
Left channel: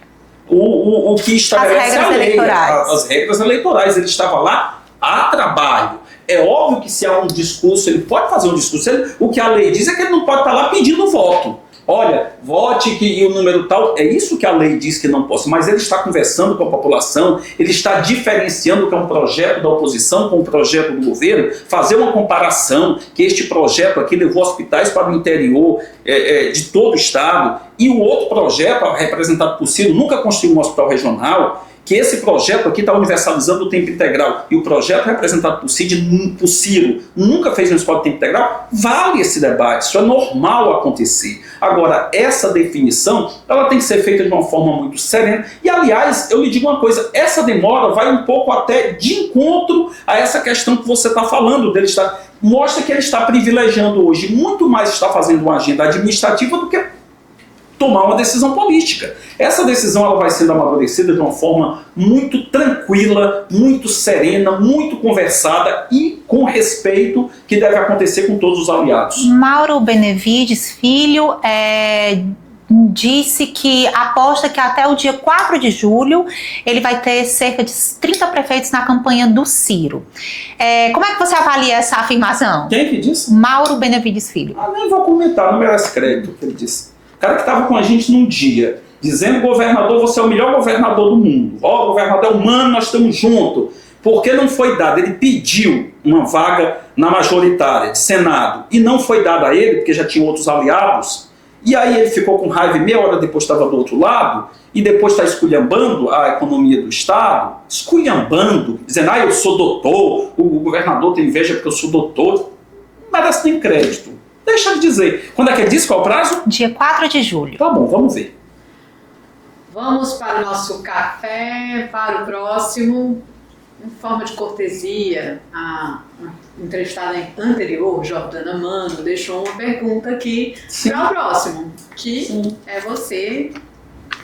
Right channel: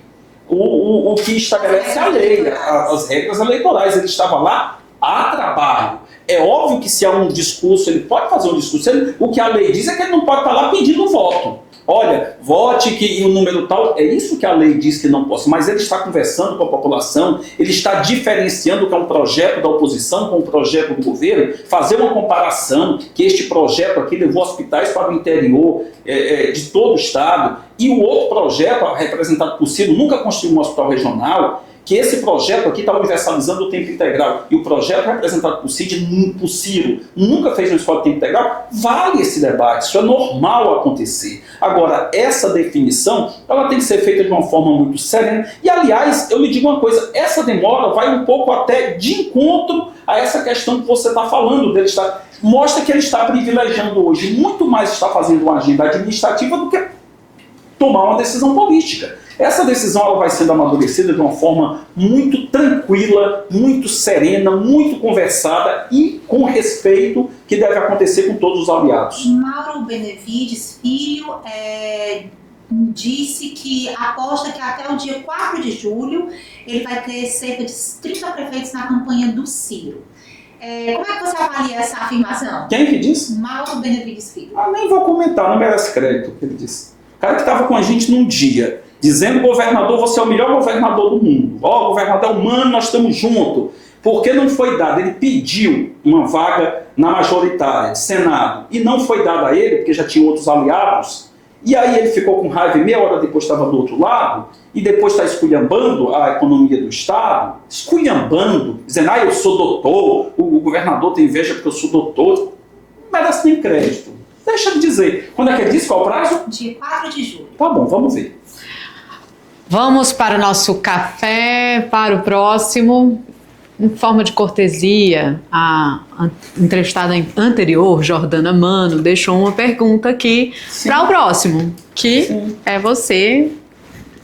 o que estabelece a lei, as regras eleitorais. Ele estava lá a trabalho. É óbvio que se há um discurso, ele pode fazer um discurso. O que a lei diz é que ele não pode estar lá pedindo voto. Olha, vote que o número tal, é isso que a lei diz que não possa, mas ele está conversando com a população, ele está diferenciando o que é um projeto da oposição com um projeto do governo, fazer uma comparação, que este projeto aqui levou hospitais para o interior de todo o estado, e o outro projeto, representado por Ciro, nunca construiu um hospital regional, que esse projeto aqui está universalizando o tempo integral, e o projeto representado por Ciro nunca fez uma escola de tempo integral, vale esse debate, isso é normal acontecer. Agora, essa definição, ela tem que ser feita de uma forma muito serena, e aliás, eu lhe digo uma coisa, essa demora vai um pouco até de encontro a essa questão que você está falando, mostra que ele está privilegiando hoje, muito mais está fazendo uma agenda administrativa do que tomar uma decisão política. Essa decisão ela vai sendo amadurecida de uma forma muito tranquila, muito serena, muito conversada e com respeito que deve acontecer com todos os aliados. Mauro Benevides Filho disse que aposta que até o dia 4 de julho ele vai ter cerca de 30 prefeitos na campanha do Ciro. Como é que você avalia essa afirmação? Quem que disse? Mauro Benevides Filho. Nem vou comentar, não merece crédito o que ele disse. O cara que estava com a gente num dia, dizendo, governador, você é o melhor governador do mundo. Governador é humano, nós estamos juntos. Porque não foi dado, ele pediu uma vaga na majoritária de Senado e não foi dada a ele, porque já tinha outros aliados, e aí ele ficou com raiva e meia hora depois estava do outro lado, e depois está esculhambando a economia do Estado, esculhambando, dizendo, eu sou doutor, o governador tem inveja porque eu sou doutor, não merece nem crédito. Deixa eu dizer, quando é que ele disse, qual é o prazo? Dia 4 de julho. Tá bom, vamos ver. Vamos para o nosso café, para o próximo. Em forma de cortesia, a entrevistada anterior, Jordana Mano, deixou uma pergunta aqui para o próximo, que é você,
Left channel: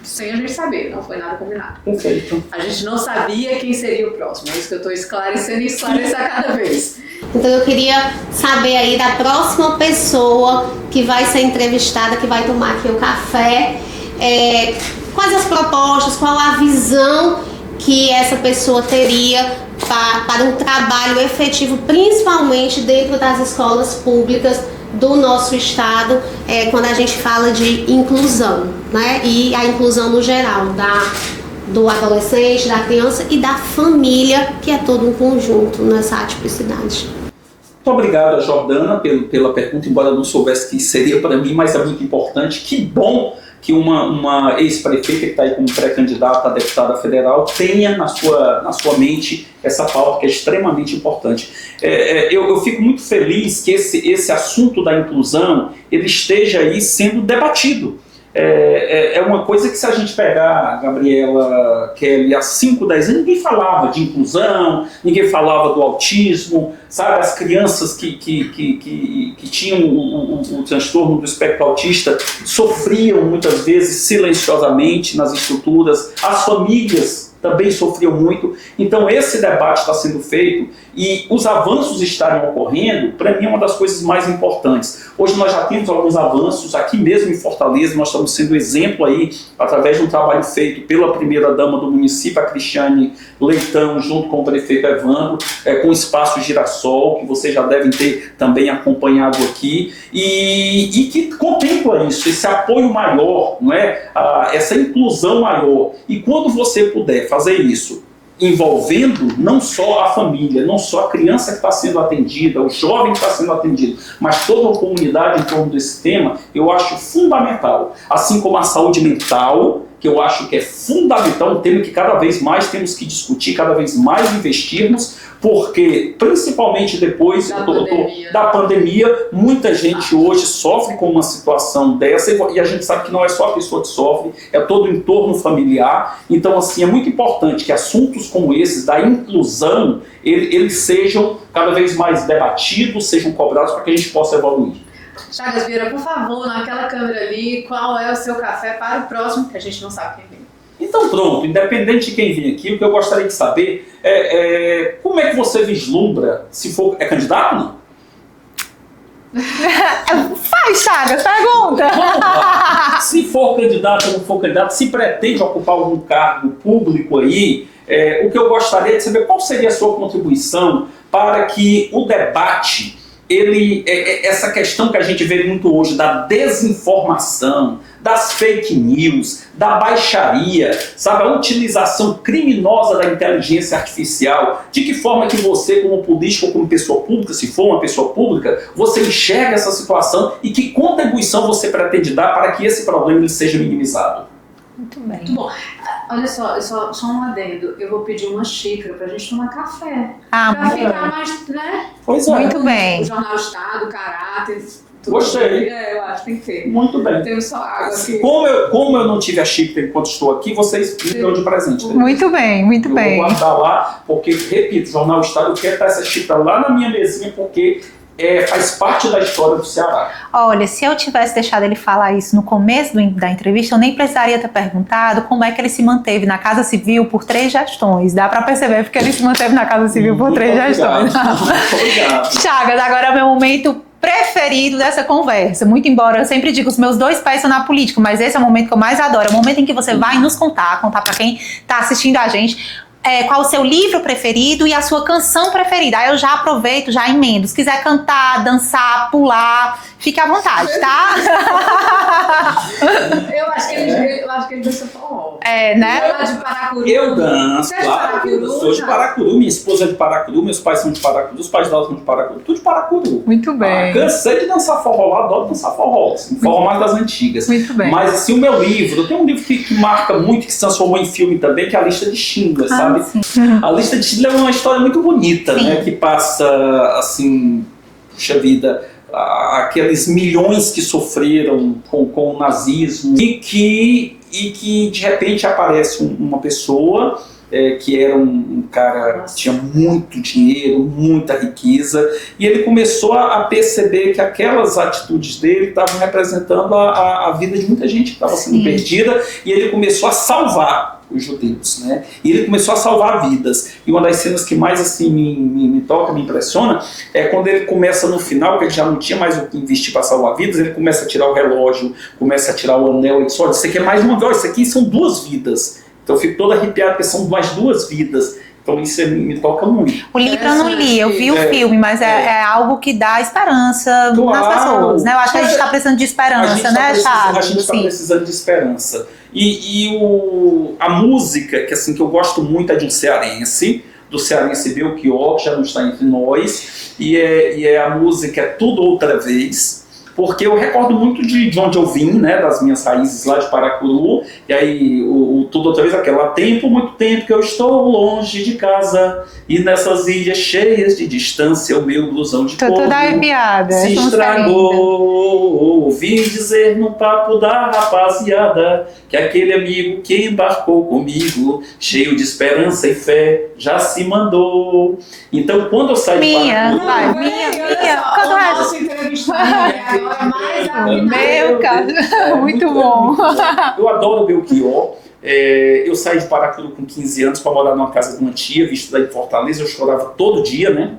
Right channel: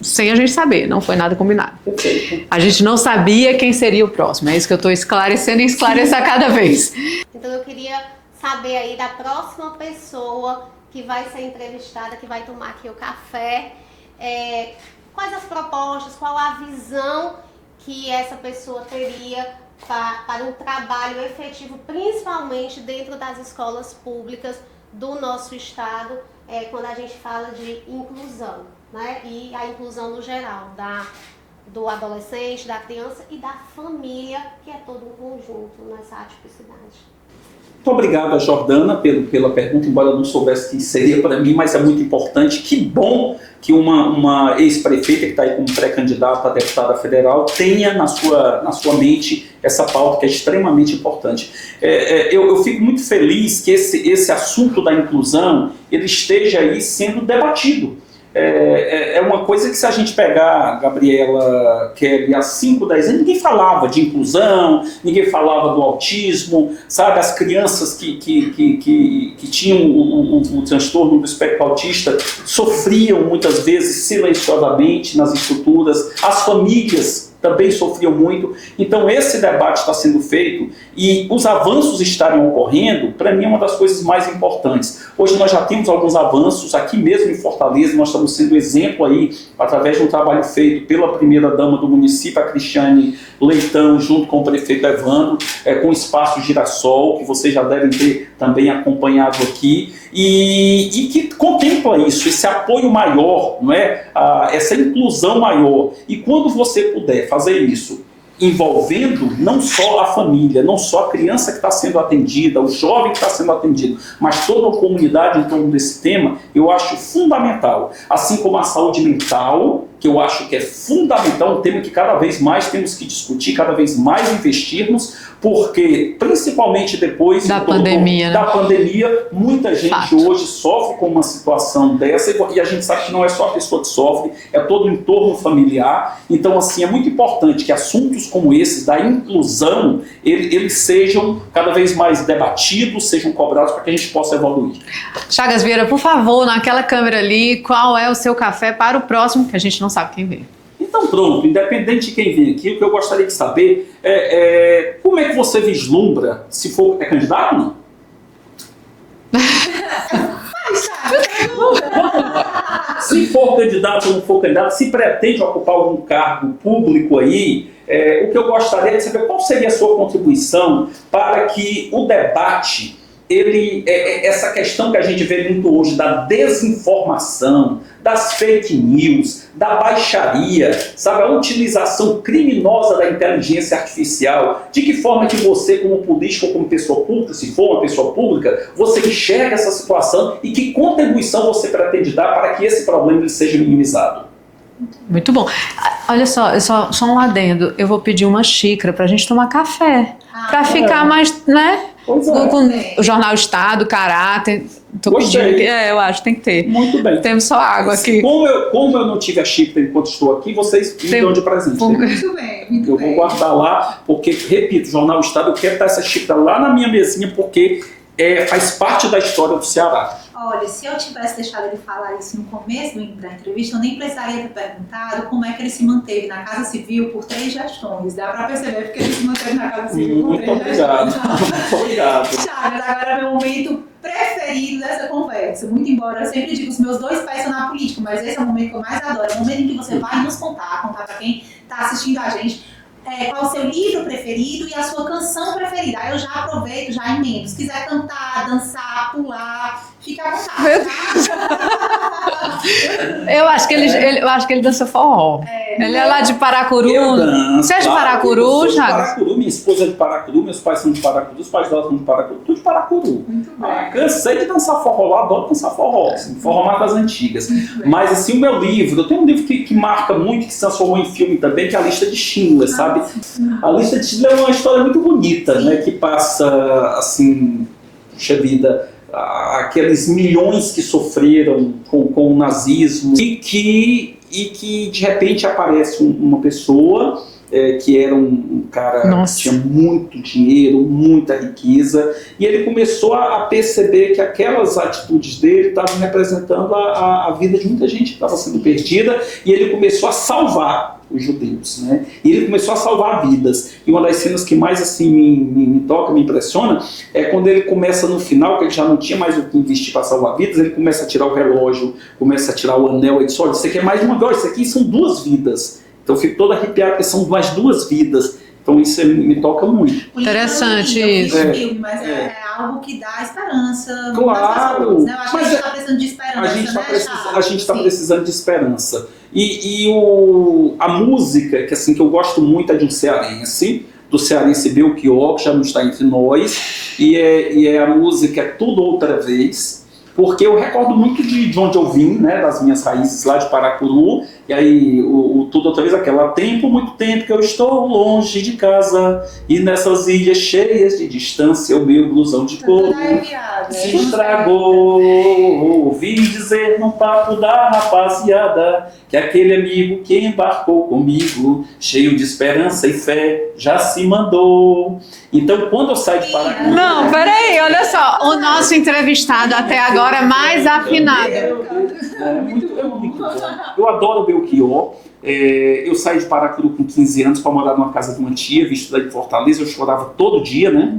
sem a gente saber, não foi nada combinado. Perfeito. A gente não sabia quem seria o próximo, é isso que eu estou esclarecendo e esclarecer a cada vez. Então eu queria saber aí da próxima pessoa que vai ser entrevistada, que vai tomar aqui o café, quais as propostas, qual a visão que essa pessoa teria para um trabalho efetivo, principalmente dentro das escolas públicas do nosso estado, quando a gente fala de inclusão, né? E a inclusão no geral, do adolescente, da criança e da família, que é todo um conjunto nessa atipicidade. Muito obrigado, Jordana, pela pergunta, embora eu não soubesse que seria para mim, mas é muito importante. Que bom que uma ex-prefeita que está aí como pré-candidata a deputada federal tenha na sua mente essa pauta que é extremamente importante. Eu fico muito feliz que esse assunto da inclusão ele esteja aí sendo debatido. É uma coisa que, se a gente pegar, Gabriela, Kelly, há 5, 10 anos, ninguém falava de inclusão, ninguém falava do autismo, sabe? As crianças que tinham o transtorno do espectro autista sofriam muitas vezes silenciosamente nas estruturas, as famílias também sofriam muito. Então esse debate está sendo feito e os avanços estarem ocorrendo, para mim é uma das coisas mais importantes. Hoje nós já temos alguns avanços aqui mesmo em Fortaleza, nós estamos sendo exemplo aí, através de um trabalho feito pela primeira-dama do município, a Cristiane Leitão, junto com o prefeito Evandro, com o Espaço Girassol, que vocês já devem ter também acompanhado aqui, e que contempla isso, esse apoio maior, não é? Essa inclusão maior. E quando você puder fazer isso, envolvendo não só a família, não só a criança que está sendo atendida, o jovem que está sendo atendido, mas toda a comunidade em torno desse tema, eu acho fundamental. Assim como a saúde mental, que eu acho que é fundamental, um tema que cada vez mais temos que discutir, cada vez mais investirmos, porque, principalmente depois da pandemia, da pandemia, muita gente hoje sofre com uma situação dessa, e a gente sabe que não é só a pessoa que sofre, é todo o entorno familiar. Então, assim, é muito importante que assuntos como esses, da inclusão, eles sejam cada vez mais debatidos, sejam cobrados para que a gente possa evoluir. Chagas Vieira, por favor, naquela câmera ali, qual é o seu café para o próximo, que a gente não sabe quem vem. Então pronto, independente de quem vem aqui, o que eu gostaria de saber como é que você vislumbra, se for, é candidato ou não? Faz, Chagas, pergunta! Vamos lá. Se for candidato ou não for candidato, se pretende ocupar algum cargo público aí, o que eu gostaria de saber, qual seria a sua contribuição para que o debate, essa questão que a gente vê muito hoje da desinformação, das fake news, da baixaria, sabe, a utilização criminosa da inteligência artificial, de que forma que você, como político ou como pessoa pública, se for uma pessoa pública, você enxerga essa situação e que contribuição você pretende dar para que esse problema ele seja minimizado? Muito bom. Olha só, só um adendo. Eu vou pedir uma xícara pra gente tomar café. Pra ficar mais, né? Pois é. Muito bem. O Jornal Estado, caráter. Gostei. Eu acho que tem que ter. Muito bem. Temos só água aqui. Como eu não tive a xícara enquanto estou aqui, vocês me dão de presente. Muito bem, muito eu bem. Vou guardar lá, porque, repito, Jornal Estado, eu quero estar essa xícara lá na minha mesinha, porque faz parte da história do Ceará. Olha, se eu tivesse deixado ele falar isso no começo da entrevista, eu nem precisaria ter perguntado como é que ele se manteve na Casa Civil por 3 gestões. Dá pra perceber porque ele se manteve na Casa Civil por 3 gestões. Muito obrigado. Chagas, agora é o meu momento preferido dessa conversa. Muito embora eu sempre digo, os meus 2 pés são na política, mas esse é o momento que eu mais adoro. É o momento em que você vai nos contar pra quem tá assistindo a gente, qual o seu livro preferido e a sua canção preferida. Aí eu já aproveito, já emendo. Se quiser cantar, dançar, pular, fique à vontade, tá? Eu acho que ele dança forró. Né? É lá de Paracuru. Eu danço. Você é de claro, Paracuru, eu sou de Chagas? Paracuru, minha esposa é de Paracuru, meus pais são de Paracuru, os pais dela são de Paracuru, tudo de Paracuru. Muito bem. Cansei de dançar forró lá, adoro dançar forró, assim, forró mais das antigas. Muito bem. Mas assim, o meu livro, eu tenho um livro que marca muito, que se transformou em filme também, que é A Lista de Schindler, sabe? Sim. A Lista de Schindler é uma história muito bonita, Sim. né? Que passa, assim, puxa vida, aqueles milhões que sofreram com o nazismo e que de repente aparece uma pessoa que era um cara Nossa. que tinha muito dinheiro, muita riqueza, e ele começou a perceber que aquelas atitudes dele estavam representando a vida de muita gente que estava sendo Sim. perdida, e ele começou a salvar os judeus, né? E ele começou a salvar vidas. E uma das cenas que mais assim me toca, me impressiona, é quando ele começa no final, que ele já não tinha mais o que investir para salvar vidas, ele começa a tirar o relógio, começa a tirar o anel, e diz, olha, isso aqui é mais uma vida, isso aqui são 2 vidas. Então eu fico todo arrepiado, porque são mais 2 vidas. Então isso me toca muito. O livro eu não li, eu vi o filme, mas é algo que dá esperança Claro. nas pessoas, né? Eu acho que a gente Mas está precisando de esperança, né, Chagas? A gente está Sim. precisando de esperança. A música, que eu gosto muito, é de um cearense, do cearense Belchior, que já não está entre nós, e é a música Tudo Outra Vez, porque eu recordo muito de onde eu vim, né, das minhas raízes lá de Paracuru, e aí o Tudo Outra Vez, há muito tempo que eu estou longe de casa, e nessas ilhas cheias de distância, o meu blusão de Tô couro toda arrepiada. se essa música é estragou. Ouvi dizer num papo da rapaziada que aquele amigo que embarcou comigo, cheio de esperança e fé, já se mandou. Então, quando eu saio de Paracuru... Não, peraí, olha só. O nosso entrevistado até agora mais afinado. Meu, cara. Muito bom. Eu adoro o Belchior. Eu saí de Paracuru com 15 anos para morar numa casa de uma tia, vim estudar em Fortaleza, eu chorava todo dia, né?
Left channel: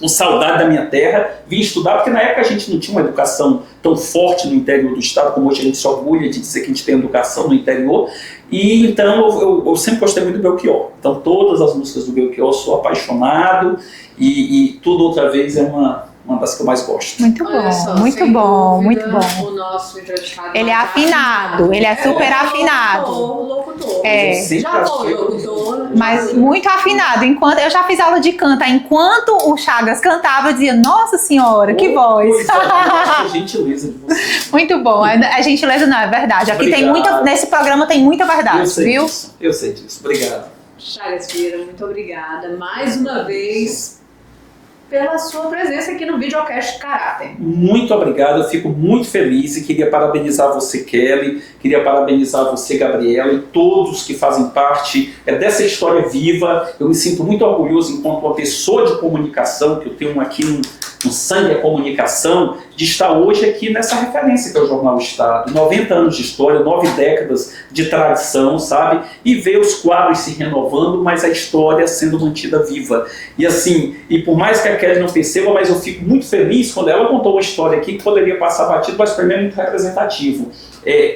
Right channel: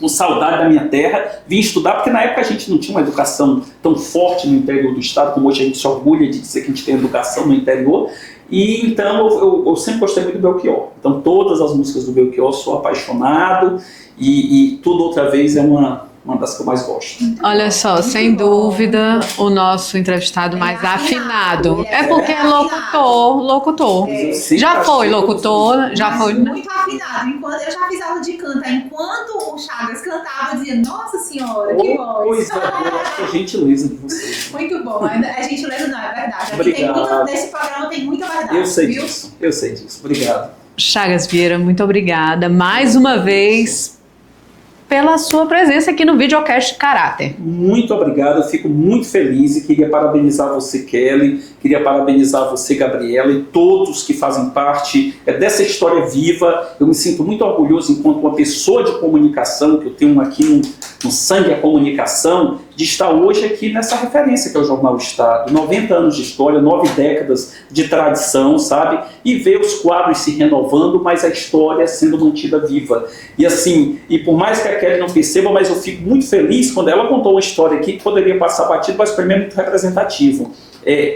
Com saudade da minha terra, vim estudar, porque na época a gente não tinha uma educação tão forte no interior do estado, como hoje a gente se orgulha de dizer que a gente tem educação no interior, e então eu sempre gostei muito do Belchior. Então todas as músicas do Belchior sou apaixonado, e Tudo Outra Vez é uma das que eu mais gosto. Muito bom. Olha só, muito sem bom, dúvida, muito bom. o nosso entrevistado Ele mais é afinado, ele é super porque afinado. locutor. Sempre Já foi achei locutor, já Mas foi. muito afinado. Eu já fiz aula de canto. Enquanto o Chagas cantava, eu dizia, nossa senhora, que voz. Coisa boa, que gentileza de vocês. Muito bom. A gentileza não é verdade. Aqui tem Obrigado. nesse programa tem muita verdade, viu? Eu sei disso. Obrigado. Chagas Vieira, muito obrigada mais uma vez pela sua presença aqui no Videocast Caráter. Muito obrigado, eu fico muito feliz e queria parabenizar você, Kelly, queria parabenizar você, Gabriela, e todos que fazem parte dessa história viva. Eu me sinto muito orgulhoso enquanto uma pessoa de comunicação, que eu tenho aqui no sangue a comunicação, de estar hoje aqui nessa referência que é o Jornal Estado. 90 anos de história, 9 décadas de tradição, sabe? E ver os quadros se renovando, mas a história sendo mantida viva. E assim, e por mais que a Kelly não perceba, mas eu fico muito feliz quando ela contou uma história aqui que poderia passar batido, mas para mim é muito representativo.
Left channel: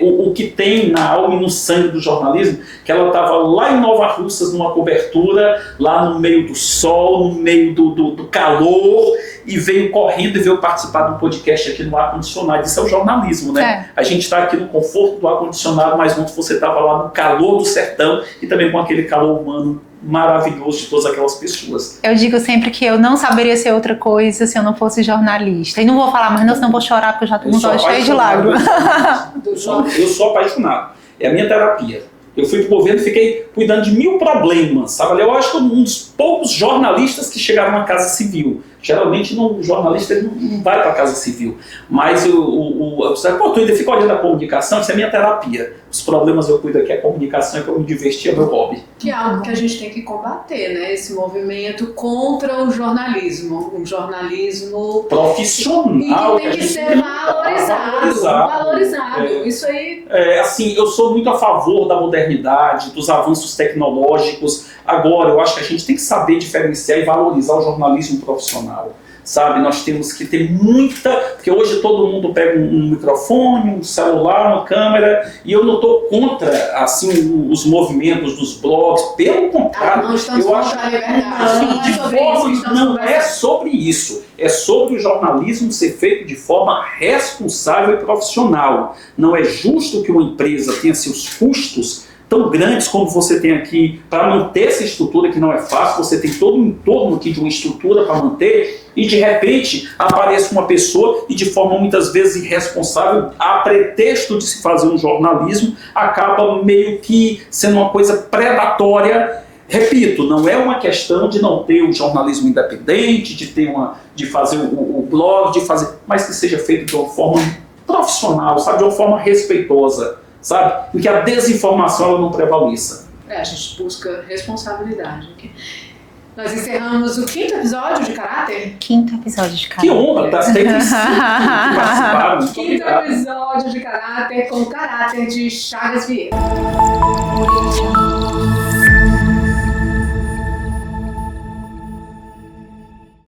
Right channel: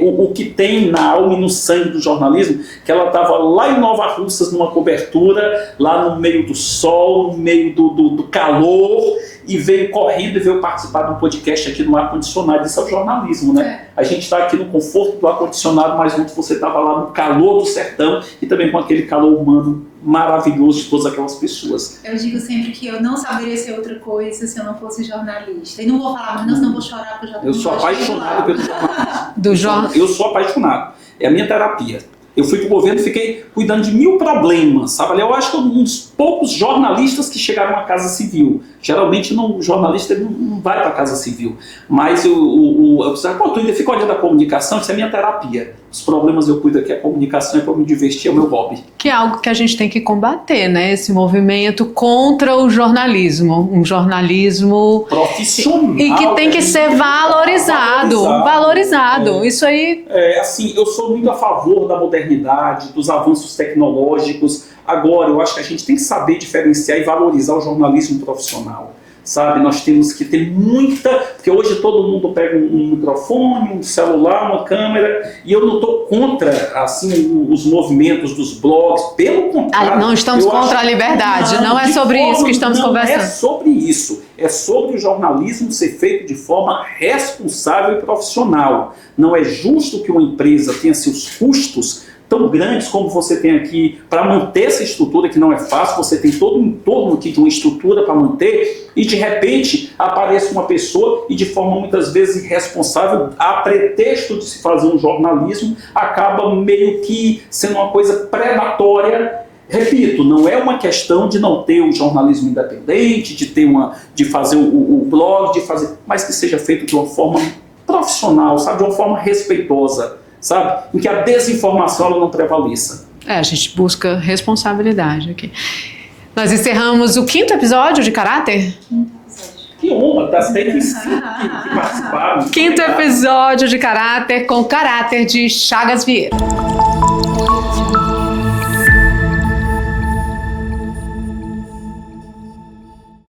O que tem na alma e no sangue do jornalismo, que ela estava lá em Nova Russas, numa cobertura, lá no meio do sol, no meio do calor, e veio correndo e veio participar de um podcast aqui no ar-condicionado. Isso é o jornalismo, né? A gente está aqui no conforto do ar-condicionado, mas ontem você estava lá no calor do sertão e também com aquele calor humano maravilhoso de todas aquelas pessoas. Eu digo sempre que eu não saberia ser outra coisa se eu não fosse jornalista. E não vou falar mais não, senão eu vou chorar, porque eu já estou com os olhos cheios de lágrimas. Eu sou apaixonado. É a minha terapia. Eu fui para o governo e fiquei cuidando de 1000 problemas, sabe? Eu acho que um dos poucos jornalistas que chegaram à Casa Civil. Geralmente o jornalista ele não vai para a Casa Civil. Mas tu ainda fica olhando a comunicação, isso é minha terapia. Os problemas eu cuido aqui, a comunicação é para me divertir, é o meu hobby. Que é algo que a gente tem que combater, né? Esse movimento contra o jornalismo. Um jornalismo profissional. E que tem que ser valorizado. Isso aí... assim, eu sou muito a favor da modernidade, dos avanços tecnológicos. Agora, eu acho que a gente tem que saber diferenciar e valorizar o jornalismo profissional. sabe? Nós temos que ter muita... Porque hoje todo mundo pega um microfone, um celular, uma câmera, e eu não estou contra, assim, os movimentos dos blogs, pelo contrário. Não estamos contra a liberdade, não é sobre isso que estamos conversando. Não é sobre isso, é sobre o jornalismo ser feito de forma responsável e profissional. Não é justo que uma empresa tenha seus custos tão grandes como você tem aqui para manter essa estrutura, que não é fácil. Você tem todo um entorno aqui de uma estrutura para manter, e de repente aparece uma pessoa e de forma muitas vezes irresponsável, a pretexto de se fazer um jornalismo, acaba meio que sendo uma coisa predatória. Repito, não é uma questão de não ter um jornalismo independente, de fazer o blog, mas que seja feito de uma forma profissional, sabe, de uma forma respeitosa, sabe, em que a desinformação ela não prevaleça. A gente busca responsabilidade aqui. Nós encerramos o 5º episódio de Caráter. 5º episódio de Caráter. Que honra, tá feito em 5 que participaram. 5º episódio de Caráter com Caráter de Chagas Vieira.